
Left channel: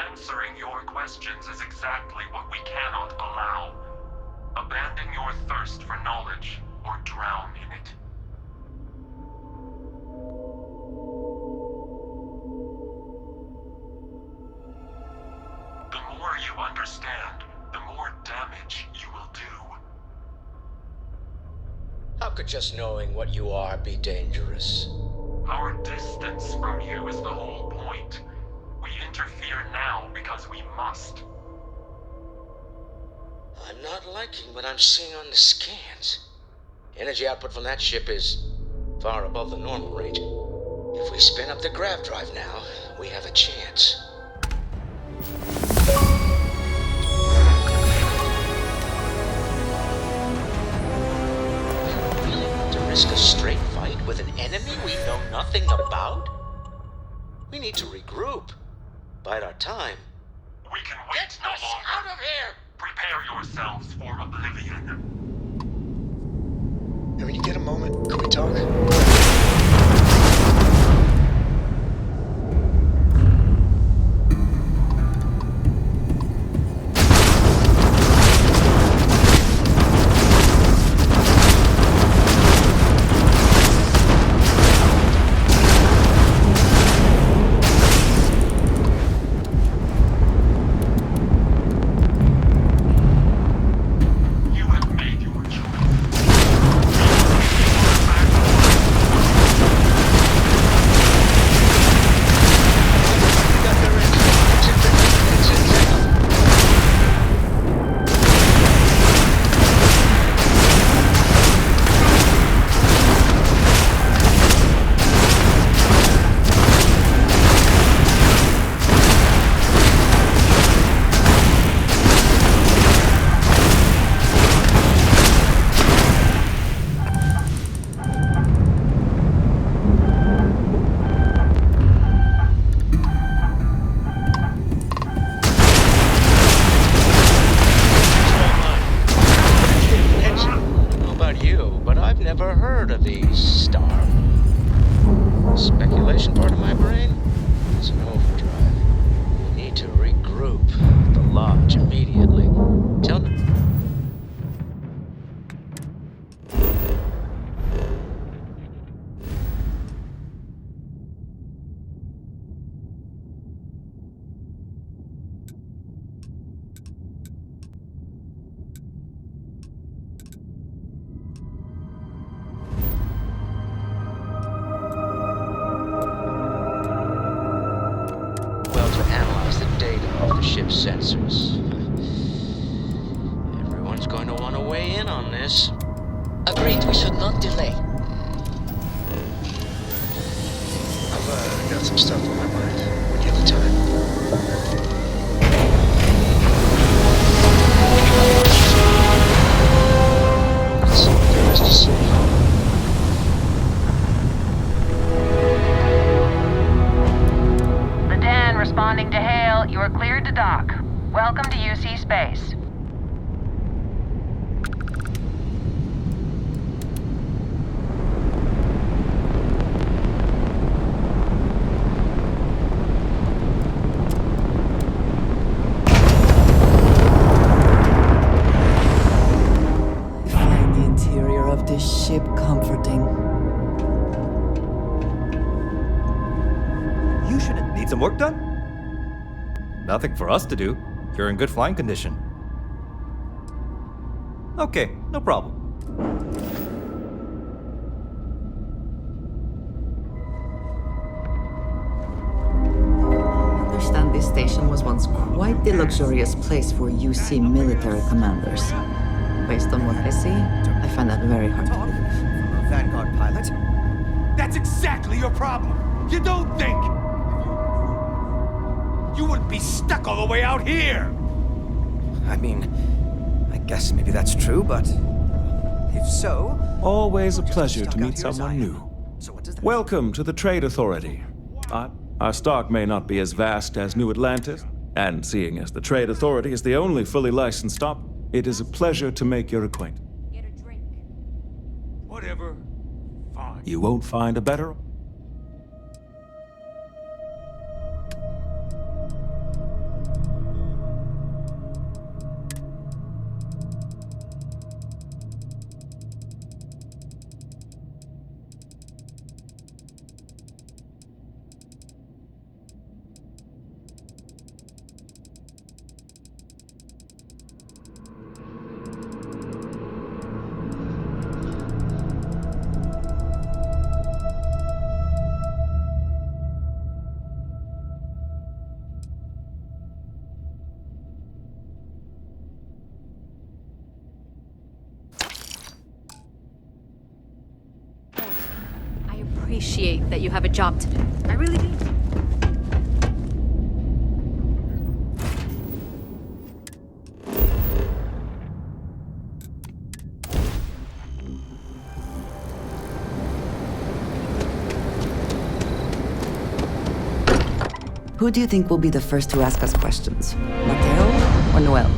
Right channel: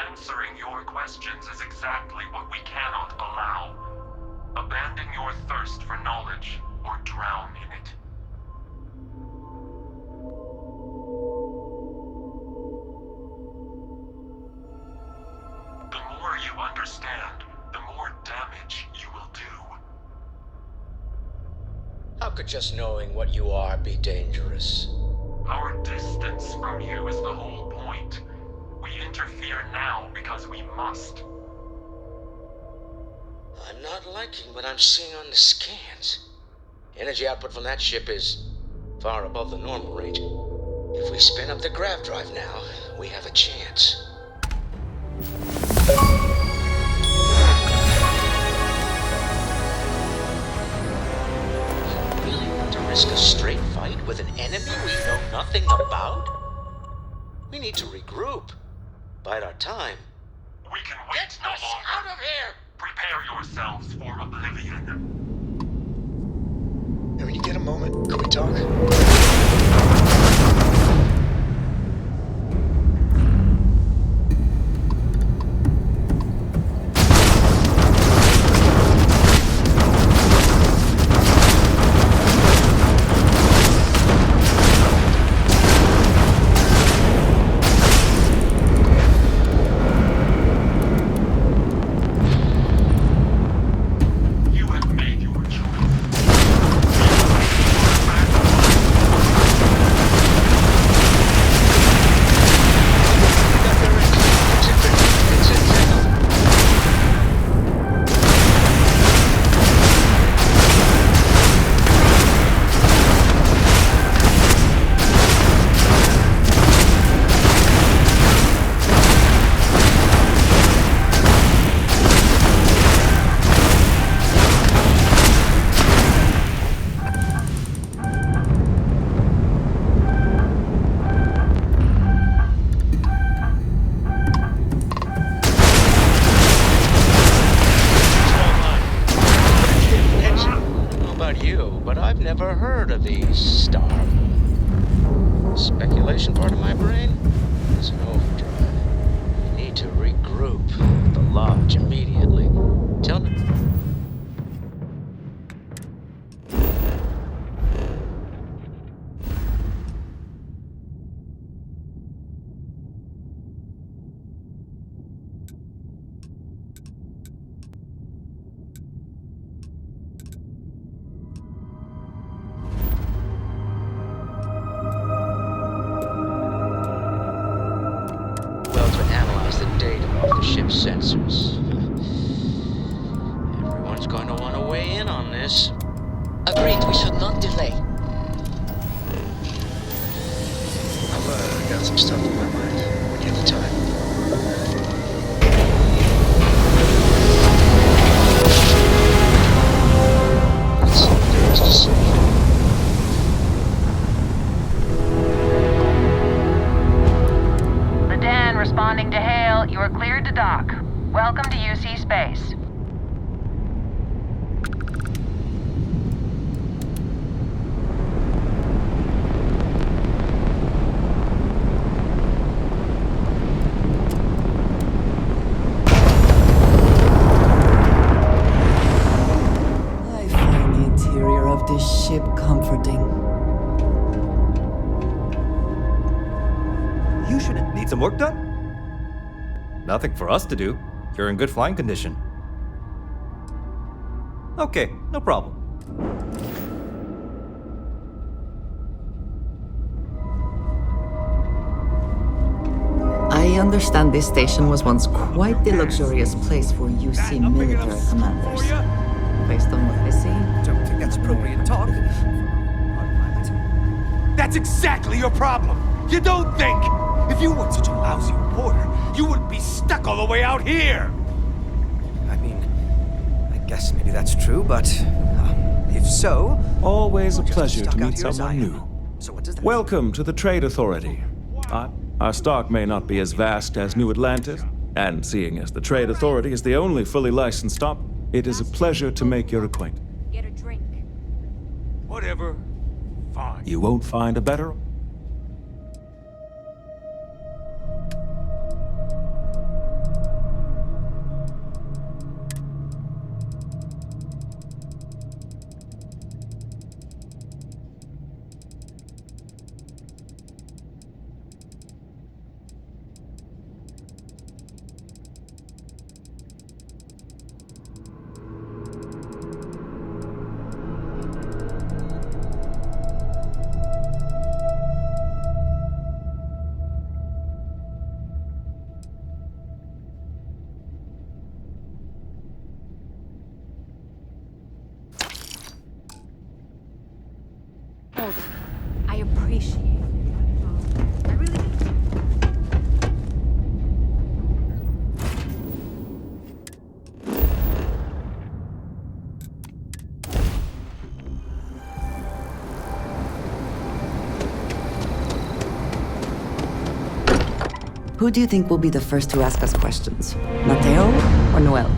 Answering your questions is exactly what we cannot allow. Abandon your thirst for knowledge, or drown in it. The more you understand, the more damage you will do. How could just knowing what you are be dangerous? Our distance from you is the whole point. We interfere now because we must. I'm not liking what I'm seeing on the scans. Energy output from that ship is far above the normal range. If we spin up the grav drive now, we have a chance. You really want to risk a straight fight with an enemy we know nothing about? We need to regroup. Bide our time. We can wait no longer. Out of here! Prepare yourselves for oblivion. And when you get a moment, can we talk? Never heard of these Starfield. Speculation part of my brain is in overdrive. We need to regroup at the lodge immediately. Tell me. Analyze the data off the ship's sensors. Everyone's going to want to weigh in on this. Agreed, we should not delay. I've got some stuff on my mind. When you have the time. That's all there is to see. Responding to hail, you are cleared to dock. Welcome to UC Space. I find the interior of this ship comforting. You shouldn't need some work done. Nothing for us to do. You're in good flying condition. Okay, no problem. I understand this station was once quite the luxurious place for UC military commanders. Based on what I see, I find that very hard to believe. From a Vanguard pilot? That's exactly your problem! You don't think! If you weren't such a lousy reporter, you wouldn't be stuck all the way out here! I mean, I guess maybe that's true, but if so... Always a pleasure to meet someone new. Welcome to the Trade Authority. Our stock may not be as vast as New Atlantis, and seeing as the Trade Authority is the only fully licensed stop, it is a pleasure to make your acquaintance. Get a drink. Whatever. Fine. You won't find a better... I appreciate that you have a job to do. I really do. Who do you think will be the first to ask us questions? Mateo or Noel?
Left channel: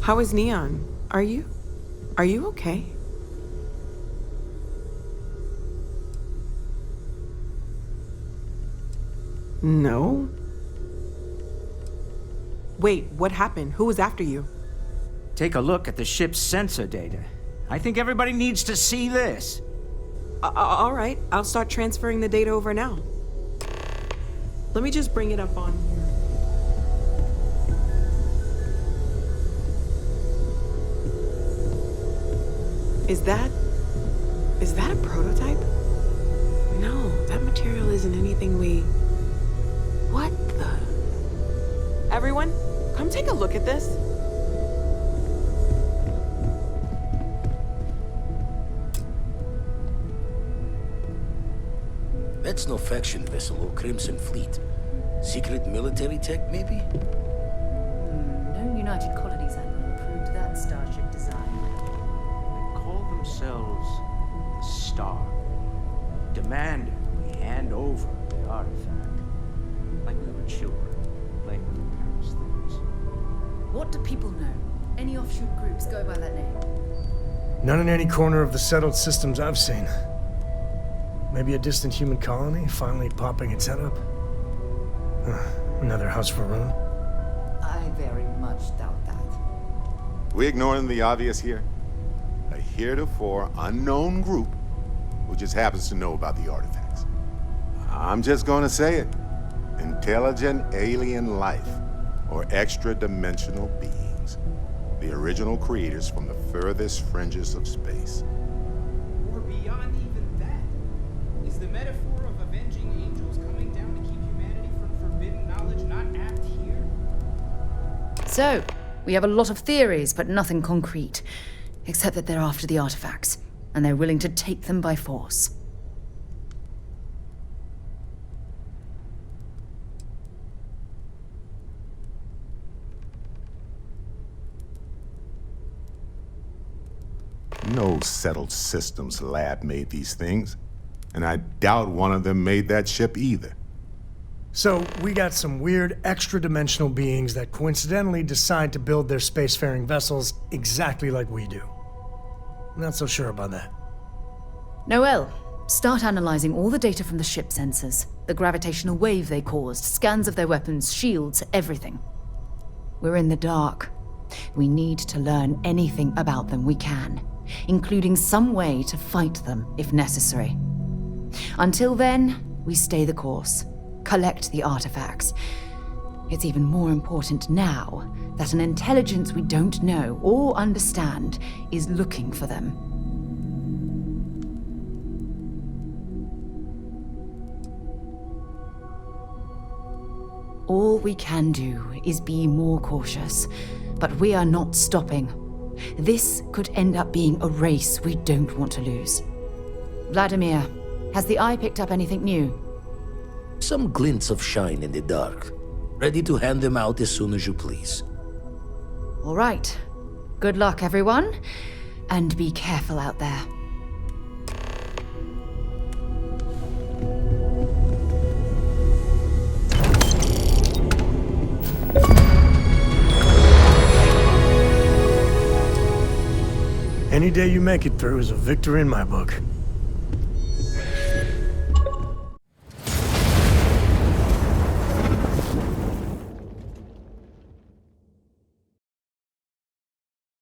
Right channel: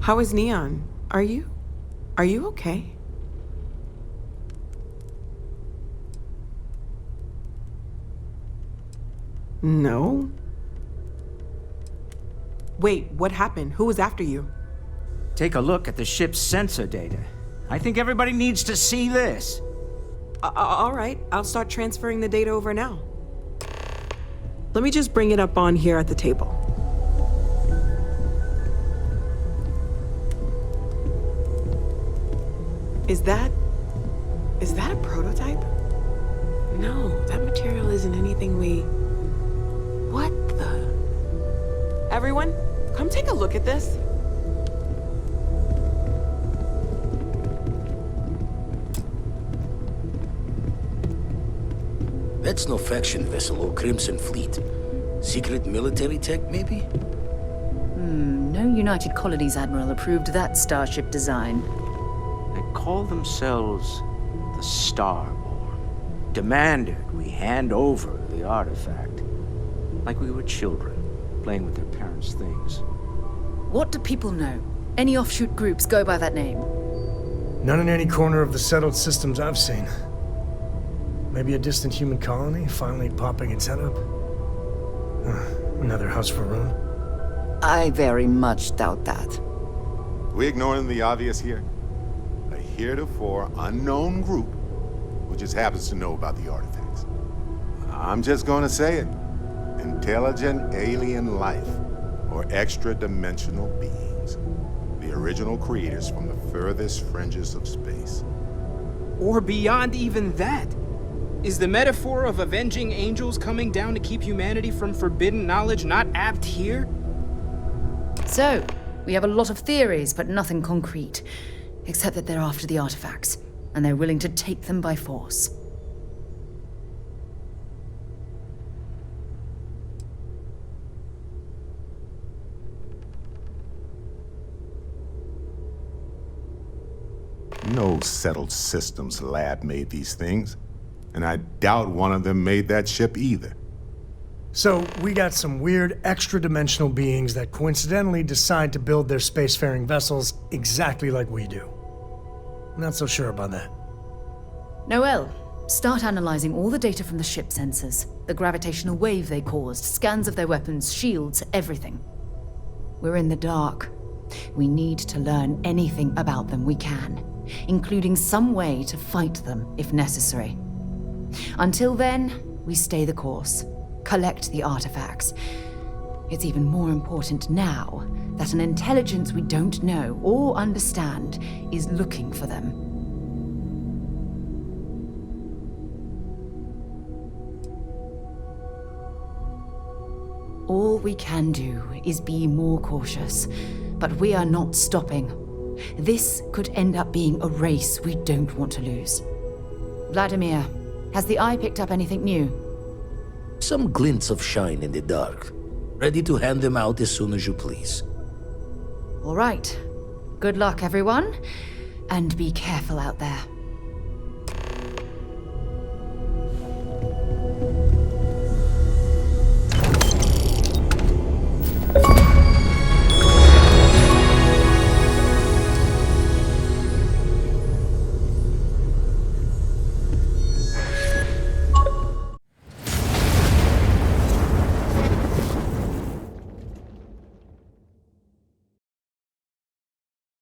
How is Neon? Are you okay? No. Wait, what happened? Who was after you? Take a look at the ship's sensor data. I think everybody needs to see this. All right, I'll start transferring the data over now. Let me just bring it up on here at the table. Is that a prototype? No, that material isn't anything we... What the... Everyone, come take a look at this. That's no faction vessel or Crimson Fleet. Secret military tech, maybe? No United Colonies Admiral approved that starship design. They call themselves the Starborn. Demanded we hand over the artifact. Like we were children, playing with their parents' things. What do people know? Any offshoot groups go by that name? None in any corner of the settled systems I've seen. Maybe a distant human colony finally popping its head up? Another house for Rune? I very much doubt that. We ignoring the obvious here? A heretofore unknown group who just happens to know about the artifacts. I'm just gonna say it. Intelligent alien life, or extra-dimensional beings. The original creators from the furthest fringes of space. Or beyond even that. Is the metaphor of avenging angels coming down to keep humanity from forbidden knowledge not apt here? So, we have a lot of theories, but nothing concrete. Except that they're after the artifacts, and they're willing to take them by force. No settled systems lab made these things. And I doubt one of them made that ship either. So, we got some weird extra-dimensional beings that coincidentally decide to build their spacefaring vessels exactly like we do. Not so sure about that. Noel, start analyzing all the data from the ship sensors. The gravitational wave they caused, scans of their weapons, shields, everything. We're in the dark. We need to learn anything about them we can, including some way to fight them if necessary. Until then, we stay the course, collect the artifacts. It's even more important now that an intelligence we don't know or understand is looking for them. All we can do is be more cautious, but we are not stopping. This could end up being a race we don't want to lose. Vladimir, has the Eye picked up anything new? Some glints of shine in the dark. Ready to hand them out as soon as you please. All right. Good luck, everyone. And be careful out there. Any day you make it through is a victory in my book.